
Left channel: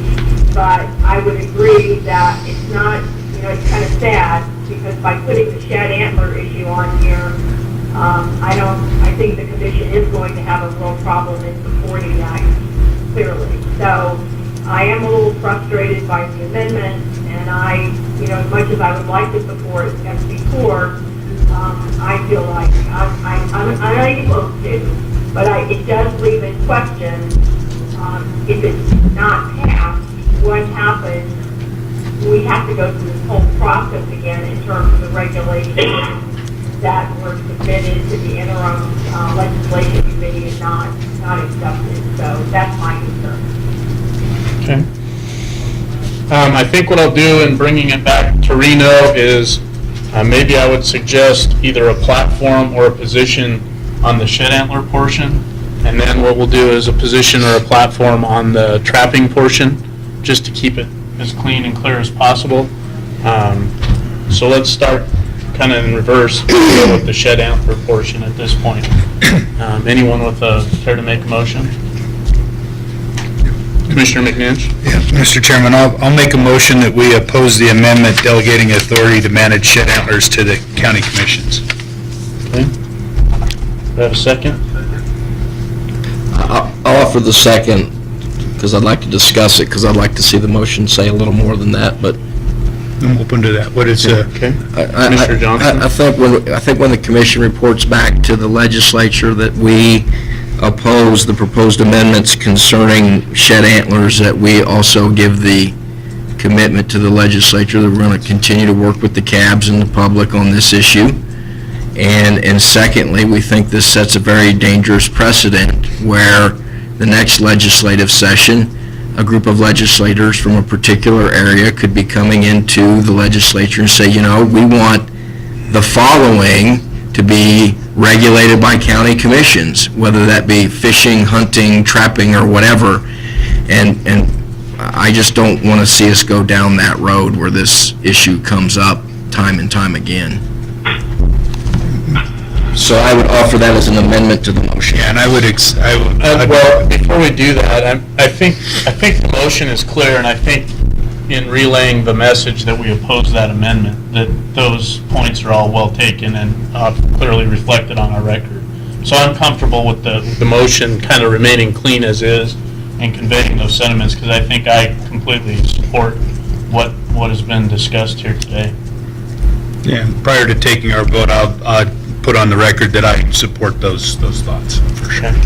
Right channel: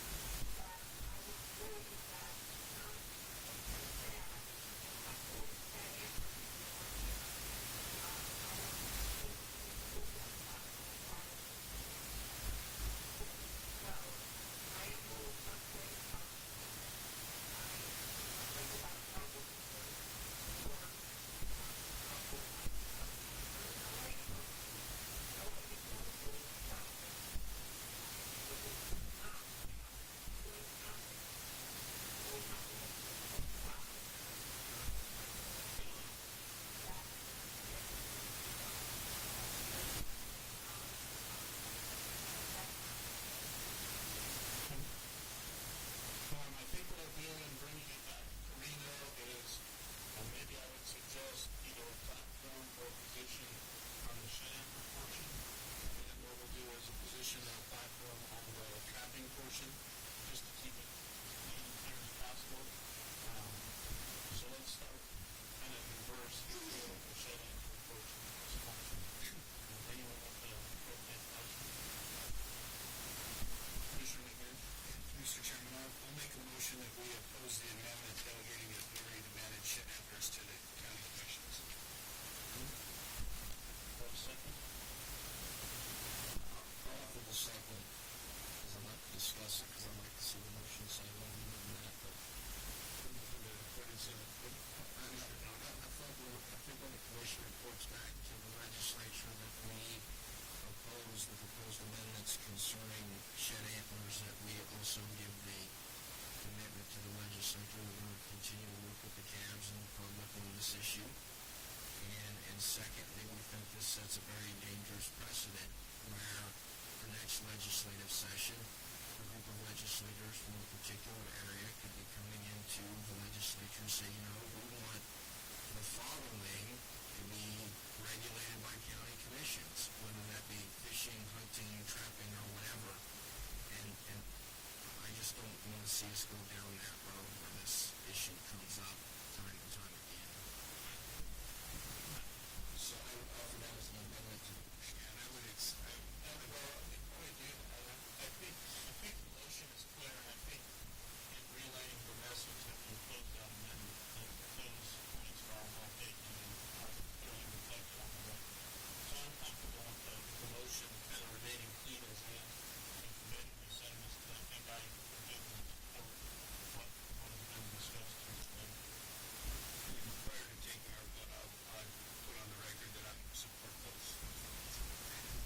But I would agree that it's not, it's kind of sad, because by putting the shed antler issue on here, I think the commission is going to have a real problem in supporting that clearly. So I am a little frustrated by the amendment, and as much as I would like to support SB4, I feel like I'm unable to, but it does leave in question, if it's not passed, what happens. We have to go through this whole process again in terms of the regulations that were submitted to the interim legislation committee and not accepted. So that's my concern. Okay. I think what I'll do in bringing it back to Reno is maybe I would suggest either a platform or a position on the shed antler portion, and then what we'll do is a position or a platform on the trapping portion, just to keep it as clean and clear as possible. So let's start kind of in reverse with the shed antler portion at this point. Anyone with care to make a motion? Commissioner McNinch? Yeah, Mr. Chairman, I'll make a motion that we oppose the amendment delegating authority to manage shed antlers to the county commissions. Okay. Do I have a second? I'll offer the second, because I'd like to discuss it, because I'd like to see the motion say a little more than that, but I'm open to that. What is, Okay. Commissioner Johnson? I think when the commission reports back to the legislature that we oppose the proposed amendments concerning shed antlers, that we also give the commitment to the legislature that we're going to continue to work with the cabs and the public on this issue. And secondly, we think this sets a very dangerous precedent where the next legislative session, a group of legislators from a particular area could be coming into the legislature and say, we want the following to be regulated by county commissions, whether that be fishing, hunting, trapping, or whatever. And I just don't want to see us go down that road where this issue comes up time and time again. So I would offer that as an amendment to the motion. Yeah, and I would, Well, before we do that, I think the motion is clear, and I think in relaying the message that we oppose that amendment, that those points are all well taken and clearly reflected on our record. So I'm comfortable with the motion kind of remaining clean as is and conveying those sentiments, because I think I completely support what has been discussed here today. yeah, prior to taking our vote, I'll put on the record that I support those thoughts, for sure. Okay.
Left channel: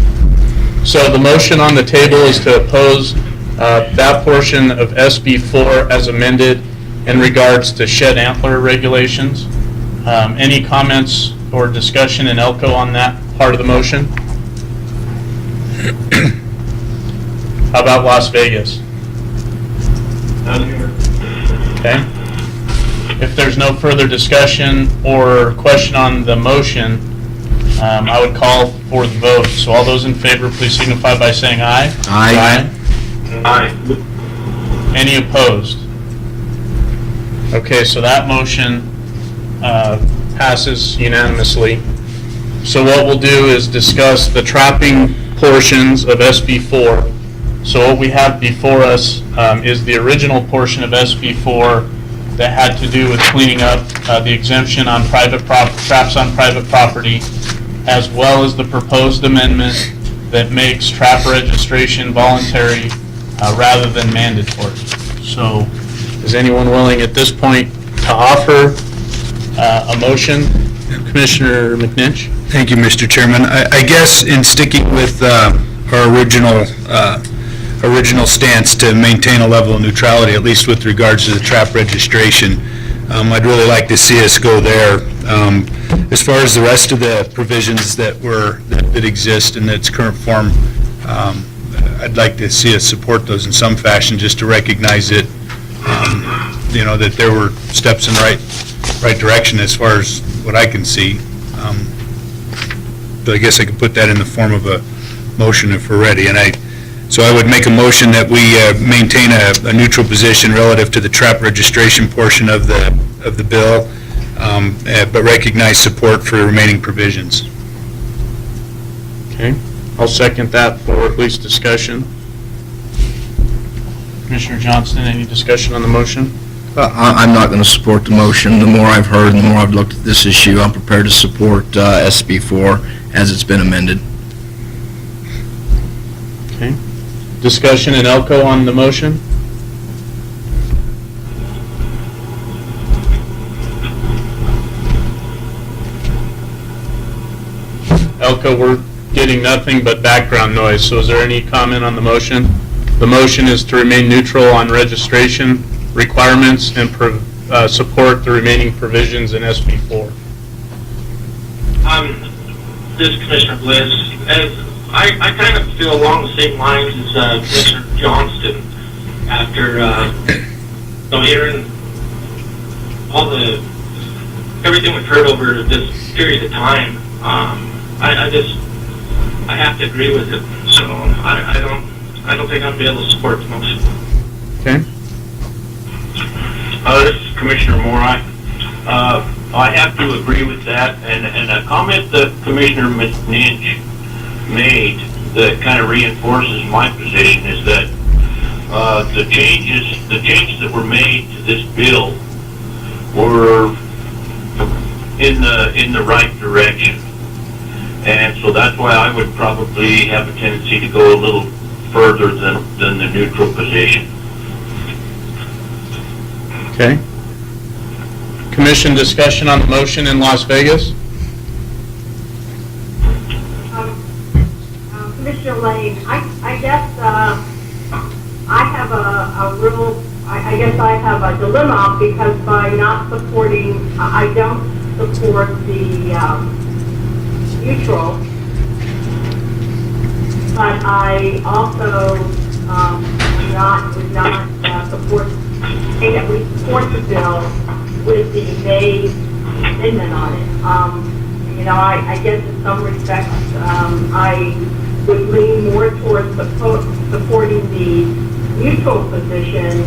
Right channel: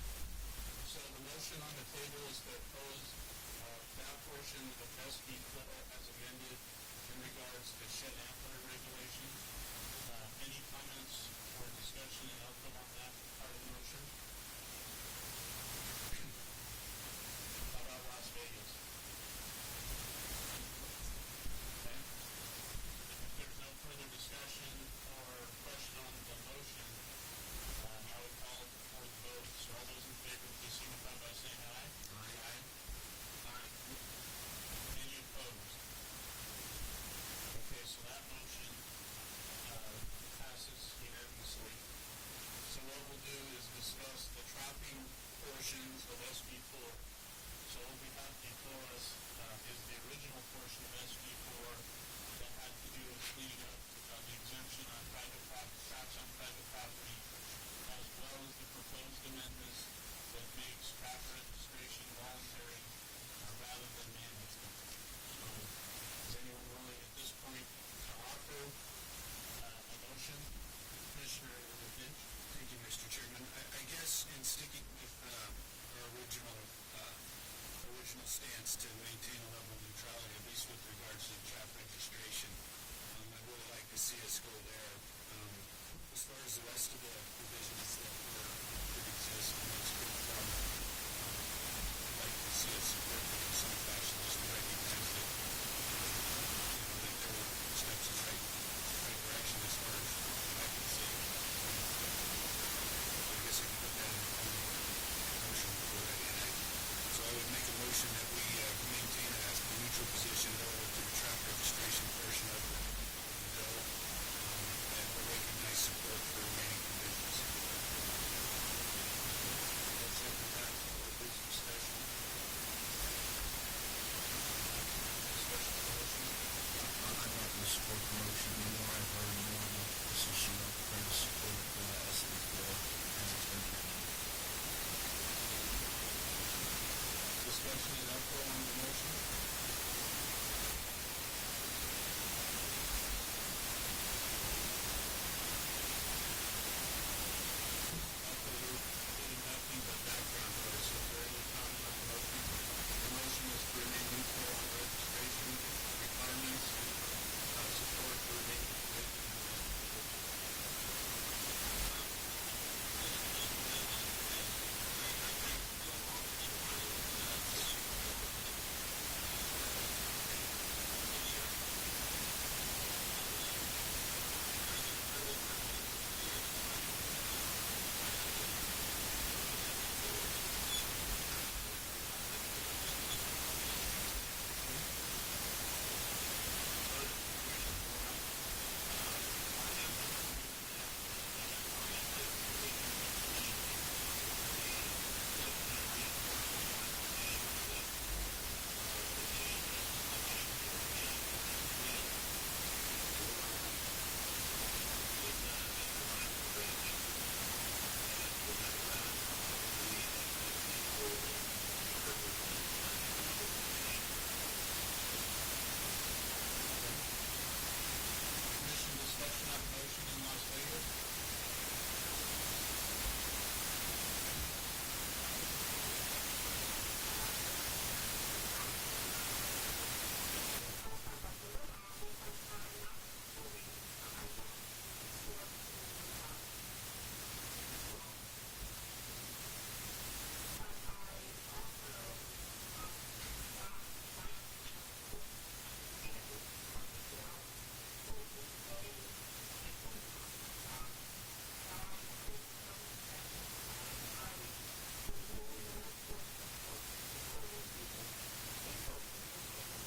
So the motion on the table is to oppose that portion of SB 4 as amended in regards to shed antler regulations. Any comments or discussion in Elko on that part of the motion? How about Las Vegas? Okay. If there's no further discussion or question on the motion, I would call for the vote. So all those in favor, please signify by saying aye. Aye. Aye. Any opposed? Okay, so that motion passes unanimously. So what we'll do is discuss the trapping portions of SB 4. So what we have before us is the original portion of SB 4 that had to do with cleaning up the exemption on traps on private property, as well as the proposed amendment that makes trap registration voluntary rather than mandatory. So is anyone willing at this point to offer a motion? Commissioner McNinch? Thank you, Mr. Chairman. I guess in sticking with our original stance to maintain a level of neutrality, at least with regards to the trap registration, I'd really like to see us go there. As far as the rest of the provisions that exist in its current form, I'd like to see us support those in some fashion, just to recognize it, that there were steps in the right direction as far as what I can see. But I guess I could put that in the form of a motion if we're ready. So I would make a motion that we maintain a neutral position relative to the trap registration portion of the bill, but recognize support for the remaining provisions. Okay, I'll second that for at least discussion. Commissioner Johnston, any discussion on the motion? I'm not going to support the motion. The more I've heard and the more I've looked at this issue, I'm prepared to support SB 4 as it's been amended. Okay. Discussion in Elko on the motion? Elko, we're getting nothing but background noise, so is there any comment on the motion? The motion is to remain neutral on registration requirements and support the remaining provisions in SB 4. This is Commissioner Bliss. I kind of feel along the same lines as Commissioner Johnston after hearing everything we've heard over this period of time. I have to agree with it. So I don't think I'll be able to support the motion. Okay. This is Commissioner Moore. I have to agree with that, and a comment that Commissioner McNinch made that kind of reinforces my position is that the changes that were made to this bill were in the right direction, and so that's why I would probably have a tendency to go a little further than the neutral position. Okay. Commission discussion on the motion in Las Vegas? Commissioner Lane, I guess I have I guess I have a dilemma, because by not supporting, I don't support the neutral, but I also would not support, say that we support the bill with the May amendment on it. You know, I guess in some respects, I would lean more towards supporting the neutral position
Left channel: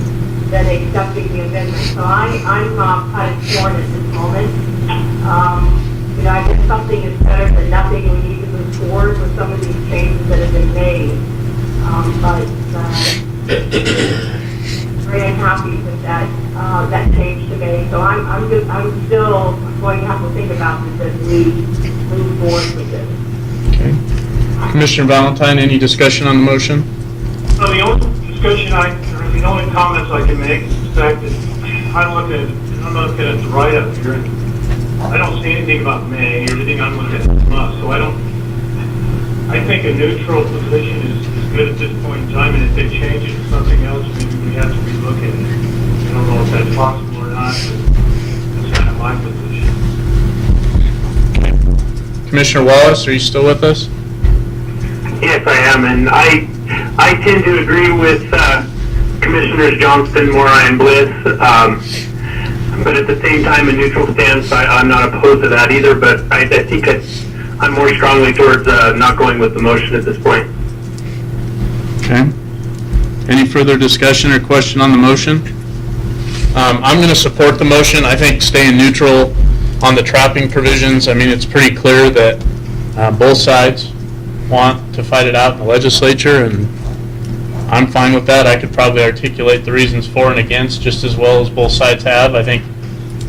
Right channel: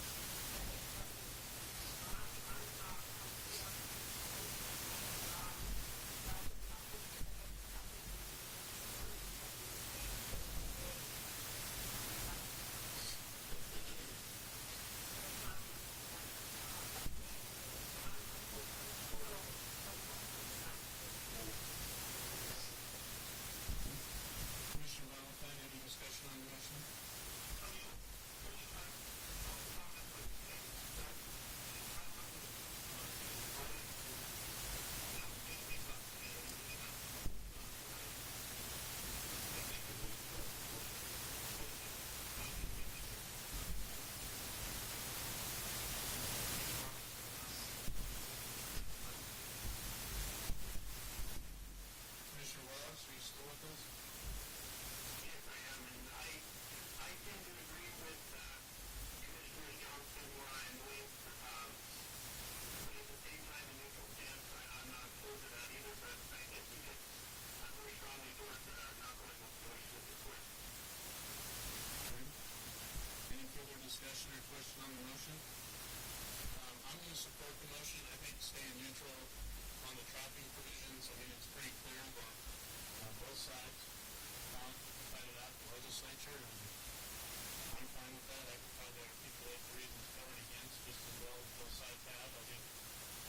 than accepting the amendment. So I'm kind of torn at this moment. You know, I guess something is better than nothing. We need to move forward with some of these changes that have been made. But very unhappy with that change to me. So I'm still going to have to think about this as we move forward with this. Okay. Commissioner Valentine, any discussion on the motion? The only discussion or the only comments I can make is the fact that I'm looking at the write-up here, and I don't see anything about May. Everything I'm looking at is must. So I think a neutral position is good at this point in time, and if they change it to something else, maybe we have to relook at it. I don't know if that's possible or not, but that's kind of my position. Commissioner Wallace, are you still with us? Yes, I am, and I tend to agree with Commissioners Johnston, Mora, and Bliss, but at the same time, a neutral stance, I'm not opposed to that either, but I think I'm more strongly towards not going with the motion at this point. Okay. Any further discussion or question on the motion? I'm going to support the motion. I think staying neutral on the trapping provisions, I mean, it's pretty clear that both sides want to fight it out in the legislature, and I'm fine with that. I could probably articulate the reasons for and against just as well as both sides have. I think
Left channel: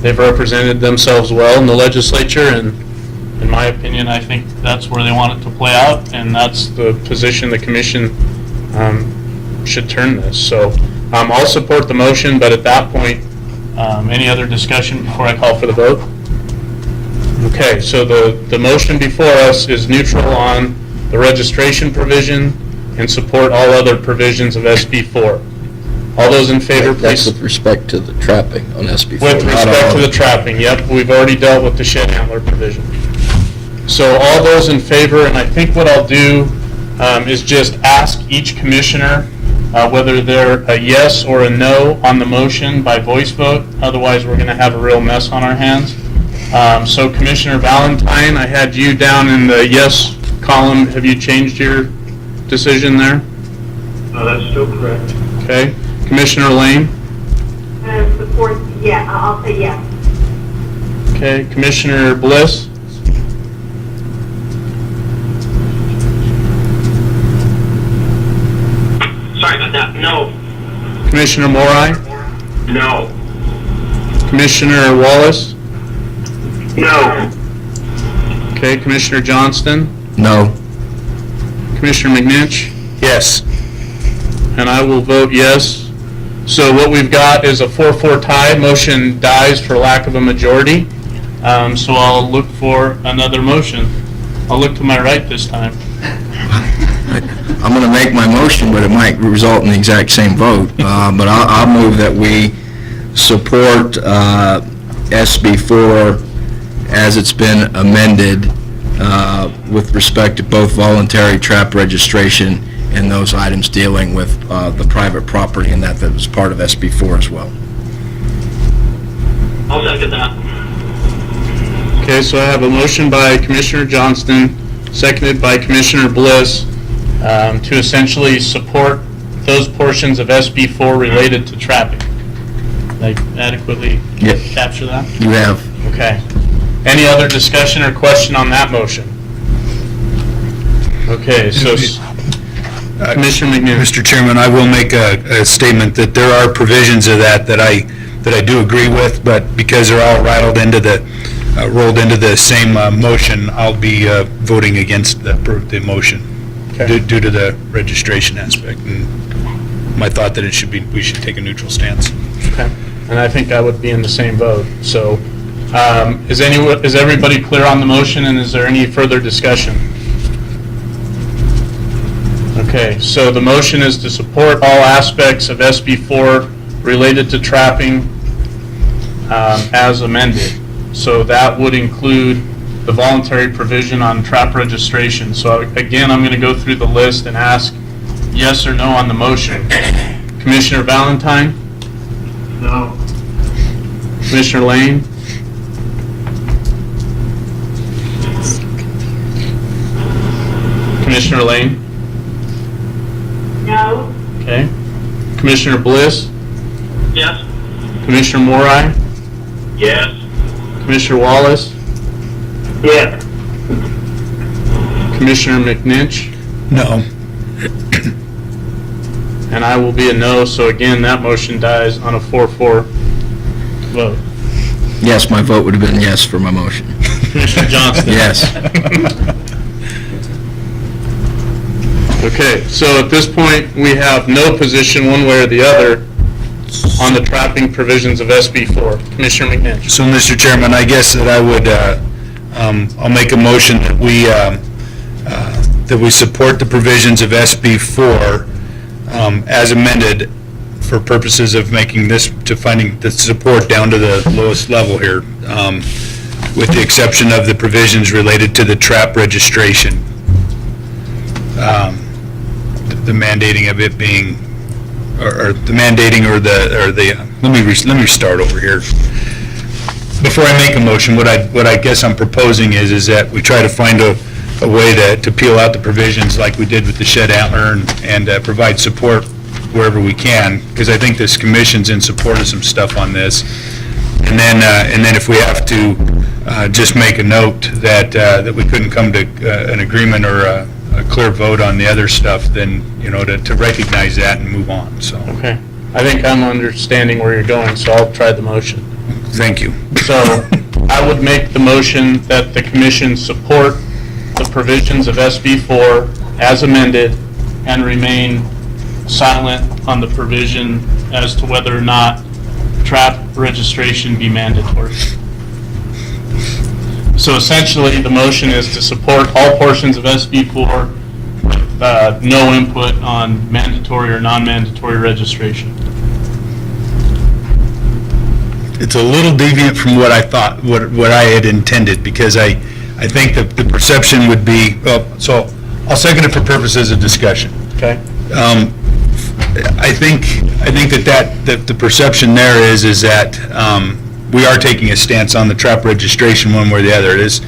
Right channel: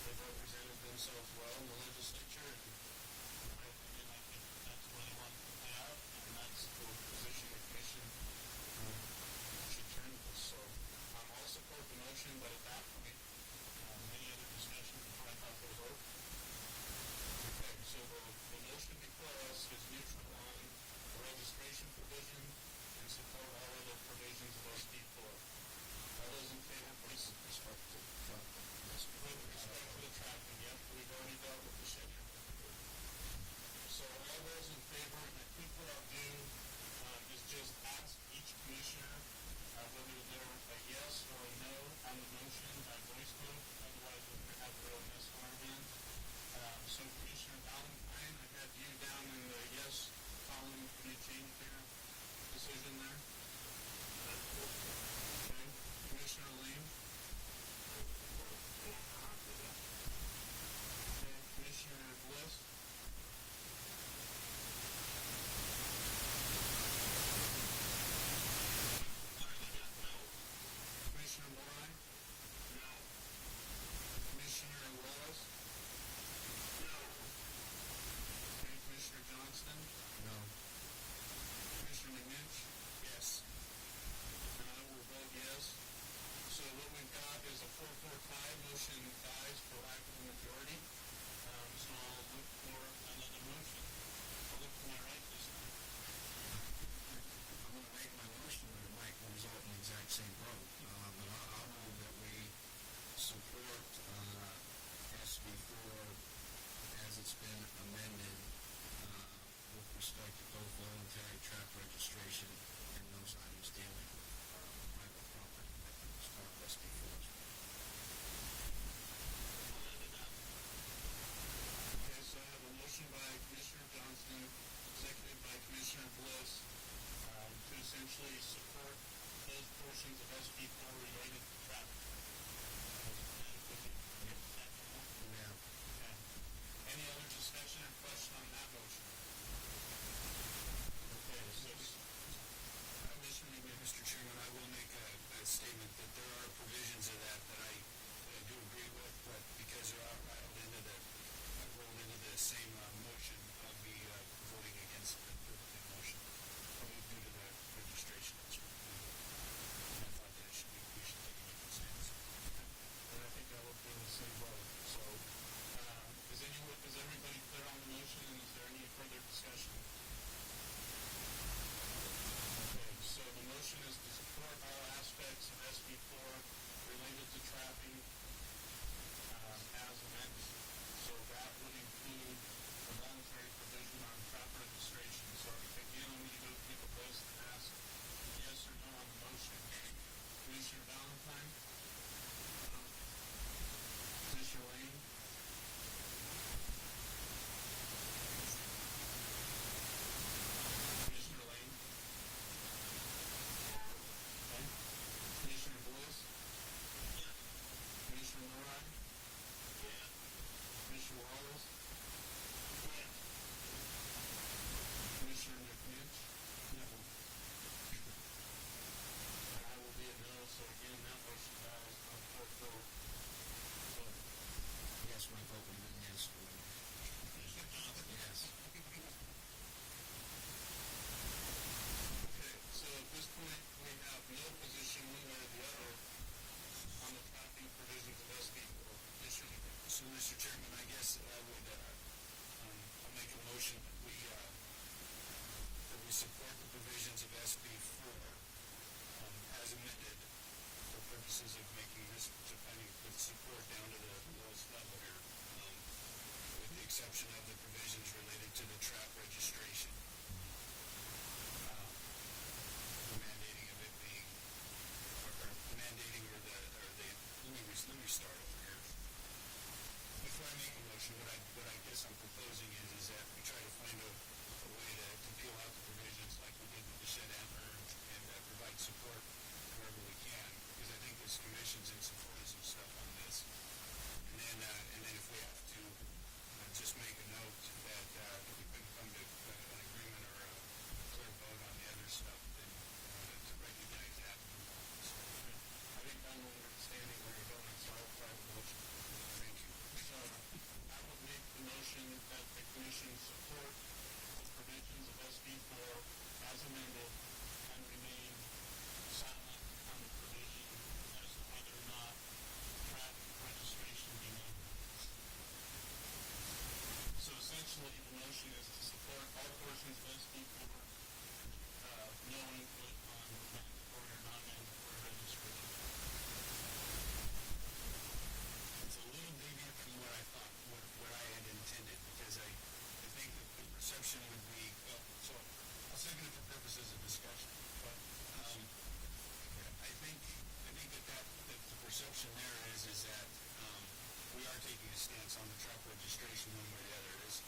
they've represented themselves well in the legislature, and in my opinion, I think that's where they want it to play out, and that's the position the commission should turn this. So I'll support the motion, but at that point, any other discussion before I call for the vote? Okay, so the motion before us is neutral on the registration provision and support all other provisions of SB 4. All those in favor, That's please. with respect to the trapping on SB 4. With respect to the trapping, yep, we've already dealt with the shed antler provision. So all those in favor, and I think what I'll do is just ask each commissioner whether they're a yes or a no on the motion by voice vote. Otherwise, we're going to have a real mess on our hands. So Commissioner Valentine, I had you down in the yes column. Have you changed your decision there? No, that's still correct. Okay. Commissioner Lane? Support, yeah, I'll say yes. Okay. Commissioner Bliss? Sorry about that. No. Commissioner Morai? No. Commissioner Wallace? No. Okay. Commissioner Johnston? No. Commissioner McNinch? Yes. And I will vote yes. So what we've got is a 4-4 tie. Motion dies for lack of a majority. So I'll look for another motion. I'll look to my right this time. I'm going to make my motion, but it might result in the exact same vote. But I'll move that we support SB 4 as it's been amended with respect to both voluntary trap registration and those items dealing with the private property, and that was part of SB 4 as well. I'll second that. Okay, so I have a motion by Commissioner Johnston, seconded by Commissioner Bliss, to essentially support those portions of SB 4 related to trapping. Did I adequately Yep. capture that? You have. Okay. Any other discussion or question on that motion? Okay, so Commissioner McNeil. Mr. Chairman, I will make a statement that there are provisions of that I do agree with, but because they're all rolled into the same motion, I'll be voting against the motion Okay. due to the registration aspect. And my thought that we should take a neutral stance. Okay. And I think I would be in the same vote. So is everybody clear on the motion, and is there any further discussion? Okay, so the motion is to support all aspects of SB 4 related to trapping as amended. So that would include the voluntary provision on trap registration. So again, I'm going to go through the list and ask yes or no on the motion. Commissioner Valentine, No. Commissioner Lane, Commissioner Lane, No? okay. Commissioner Bliss, Yes. Commissioner Morai, Yes. Commissioner Wallace, Yes. Commissioner McNinch, No. and I will be a no, so again, that motion dies on a 4-4 vote. Yes, my vote would have been yes for my motion. Commissioner Johnston? Yes. Okay, so at this point, we have no position one way or the other on the trapping provisions of SB 4. Commissioner McNinch? So, Mr. Chairman, I guess that I would, I'll make a motion that we support the provisions of SB 4 as amended for purposes of making this, to finding the support down to the lowest level here, with the exception of the provisions related to the trap registration. The mandating of it being, or the mandating or the, let me start over here. Before I make a motion, what I guess I'm proposing is that we try to find a way to peel out the provisions like we did with the shed antler and provide support wherever we can, because I think this commission's in support of some stuff on this. And then if we have to just make a note that we couldn't come to an agreement or a clear vote on the other stuff, then, to recognize that and move on, so. Okay, I think I'm understanding where you're going, so I'll try the motion. Thank you. So I would make the motion that the commission support the provisions of SB 4 as amended and remain silent on the provision as to whether or not trap registration be mandatory. So essentially, the motion is to support all portions of SB 4 with no input on mandatory or non-mandatory registration. It's a little deviant from what I thought, what I had intended, because I think that the perception would be, so I'll second it for purposes of discussion. Okay? I think that the perception there is that we are taking a stance on the trap registration one way or the other. It is,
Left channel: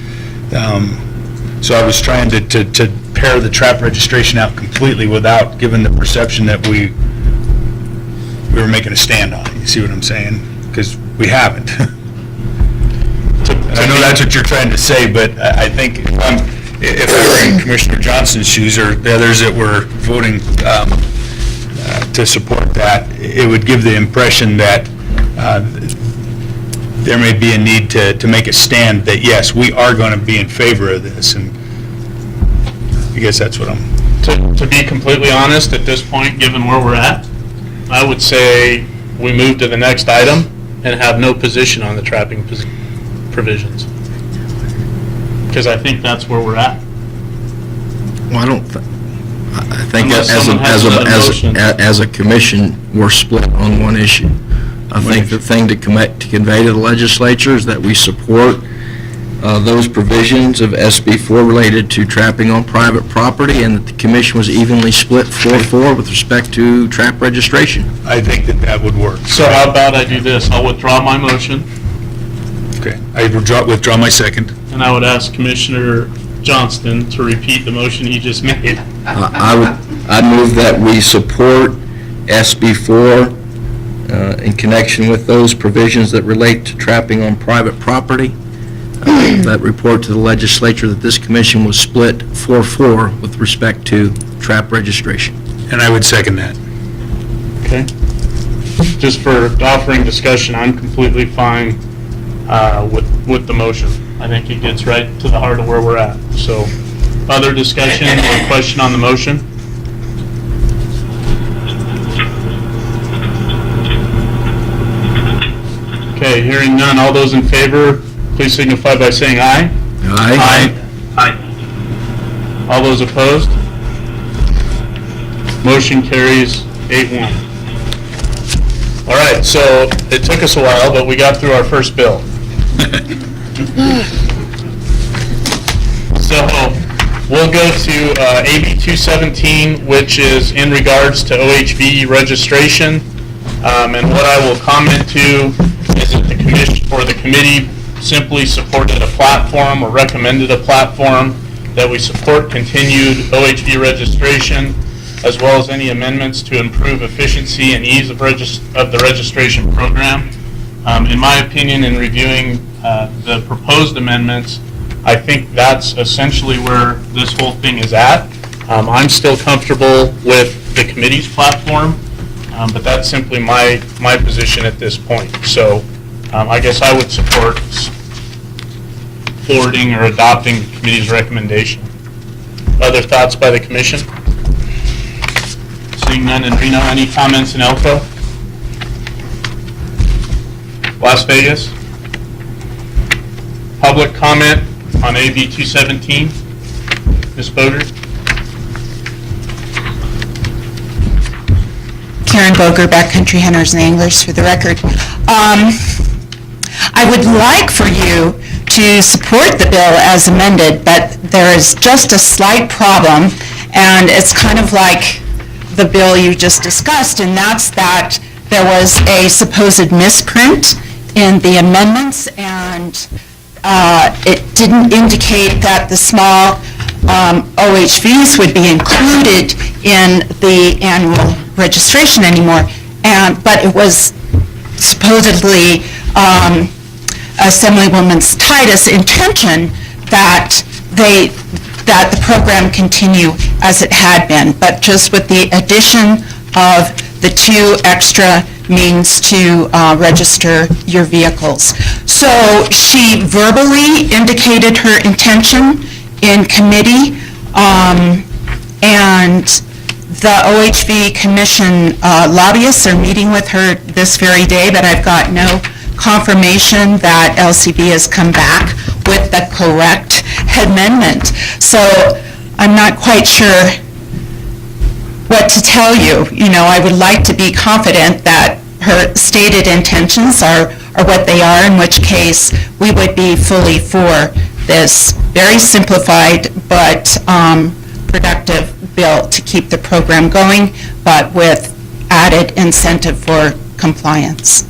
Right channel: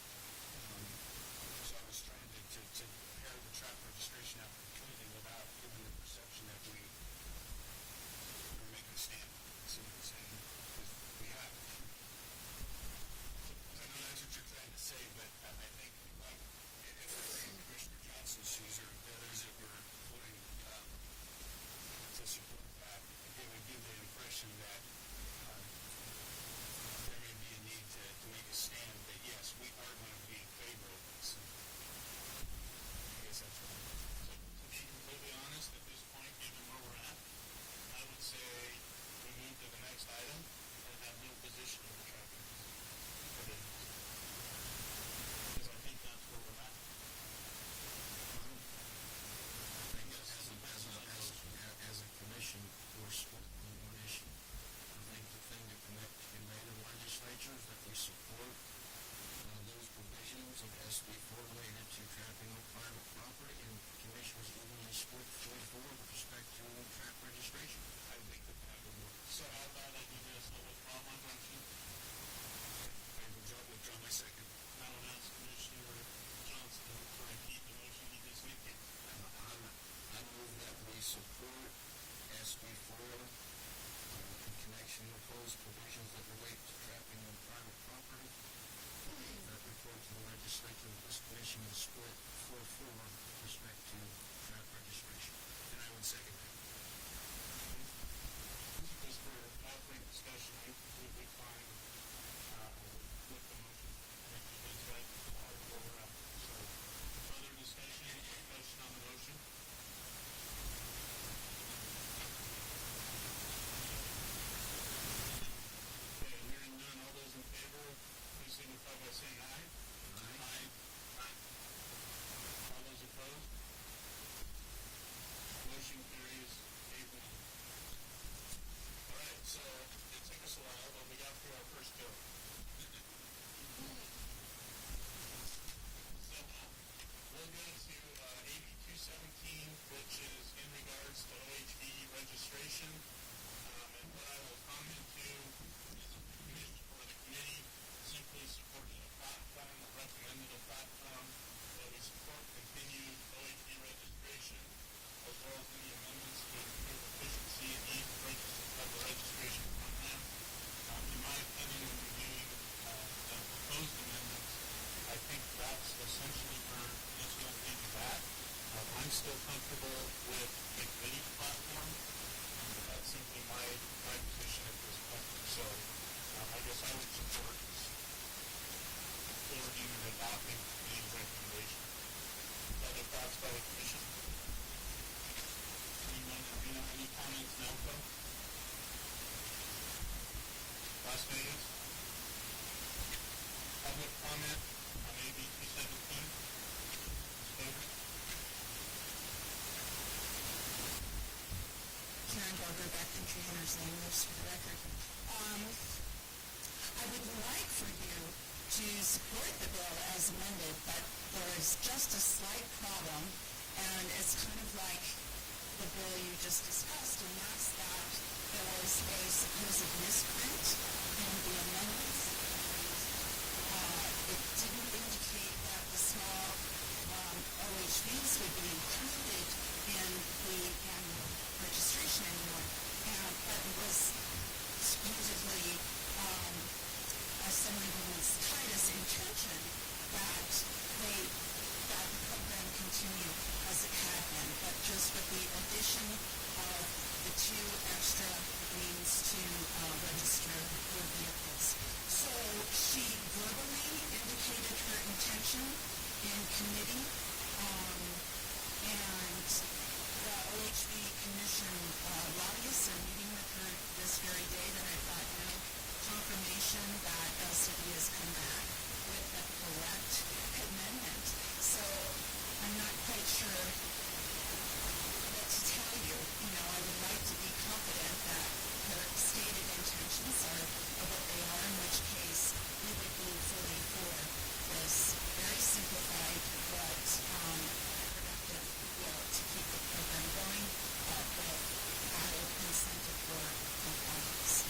so I was trying to pare the trap registration out completely without giving the perception that we were making a stand on it. You see what I'm saying? Because we haven't. And I know that's what you're trying to say, but I think if I were in Commissioner Johnston's shoes or the others that were voting to support that, it would give the impression that there may be a need to make a stand that, yes, we are going to be in favor of this, and I guess that's what I'm... To be completely honest, at this point, given where we're at, I would say we move to the next item and have no position on the trapping provisions. Because I think that's where we're at. Well, I think Unless as someone has another motion. a commission, we're split on one issue. I think the thing to convey to the legislature is that we support those provisions of SB 4 related to trapping on private property, and that the commission was evenly split 4-4 with respect to trap registration. I think that would work. So how about I do this? I'll withdraw my motion, Okay, I withdraw my second. and I would ask Commissioner Johnston to repeat the motion he just made. I move that we support SB 4 in connection with those provisions that relate to trapping on private property. That report to the legislature that this commission was split 4-4 with respect to trap registration. And I would second that. Okay? Just for offering discussion, I'm completely fine with the motion. I think it gets right to the heart of where we're at. So, other discussion or question on the motion? Okay, hearing none. All those in favor, please signify by saying aye. Aye. Aye. All those opposed? Motion carries 8-1. All right, so it took us a while, but we got through our first bill. So, We'll go to AB 217, which is in regards to OHV registration. And what I will comment to is that the commission or the committee simply supported a platform or recommended a platform that we support continued OHV registration, as well as any amendments to improve efficiency and ease of the registration program. In my opinion, in reviewing the proposed amendments, I think that's essentially where this whole thing is at. I'm still comfortable with the committee's platform, but that's simply my position at this point. So I guess I would support forwarding or adopting the committee's recommendation. Other thoughts by the commission? Seeing none in Reno, any comments in Elko? Las Vegas? Public comment on AB 217? Ms. Boger? Karen Boger, Backcountry Hunters and Anglers, for the record. I would like for you to support the bill as amended, but there is just a slight problem, and it's kind of like the bill you just discussed, and that's that there was a supposed misprint in the amendments, and it didn't indicate that the small OHVs would be included in the annual registration anymore, but it was supposedly Assemblywoman Titus' intention that the program continue as it had been, but just with the addition of the 2 extra means to register your vehicles. So she verbally indicated her intention in committee, and the OHV Commission lobbyists are meeting with her this very day, but I've got no confirmation that LCB has come back with the correct amendment. So I'm not quite sure what to tell you. You know, I would like to be confident that her stated intentions are what they are, in which case we would be fully for this very simplified but productive bill to keep the program going, but with added incentive for compliance.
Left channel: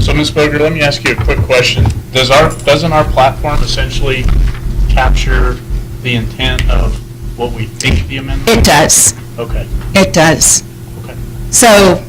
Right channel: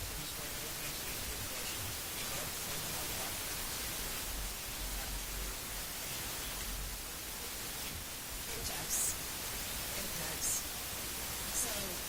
So, Ms. Boger, let me ask you a quick question. Doesn't our platform essentially capture the intent of what we think the amendment? It does. Okay. It does. Okay. So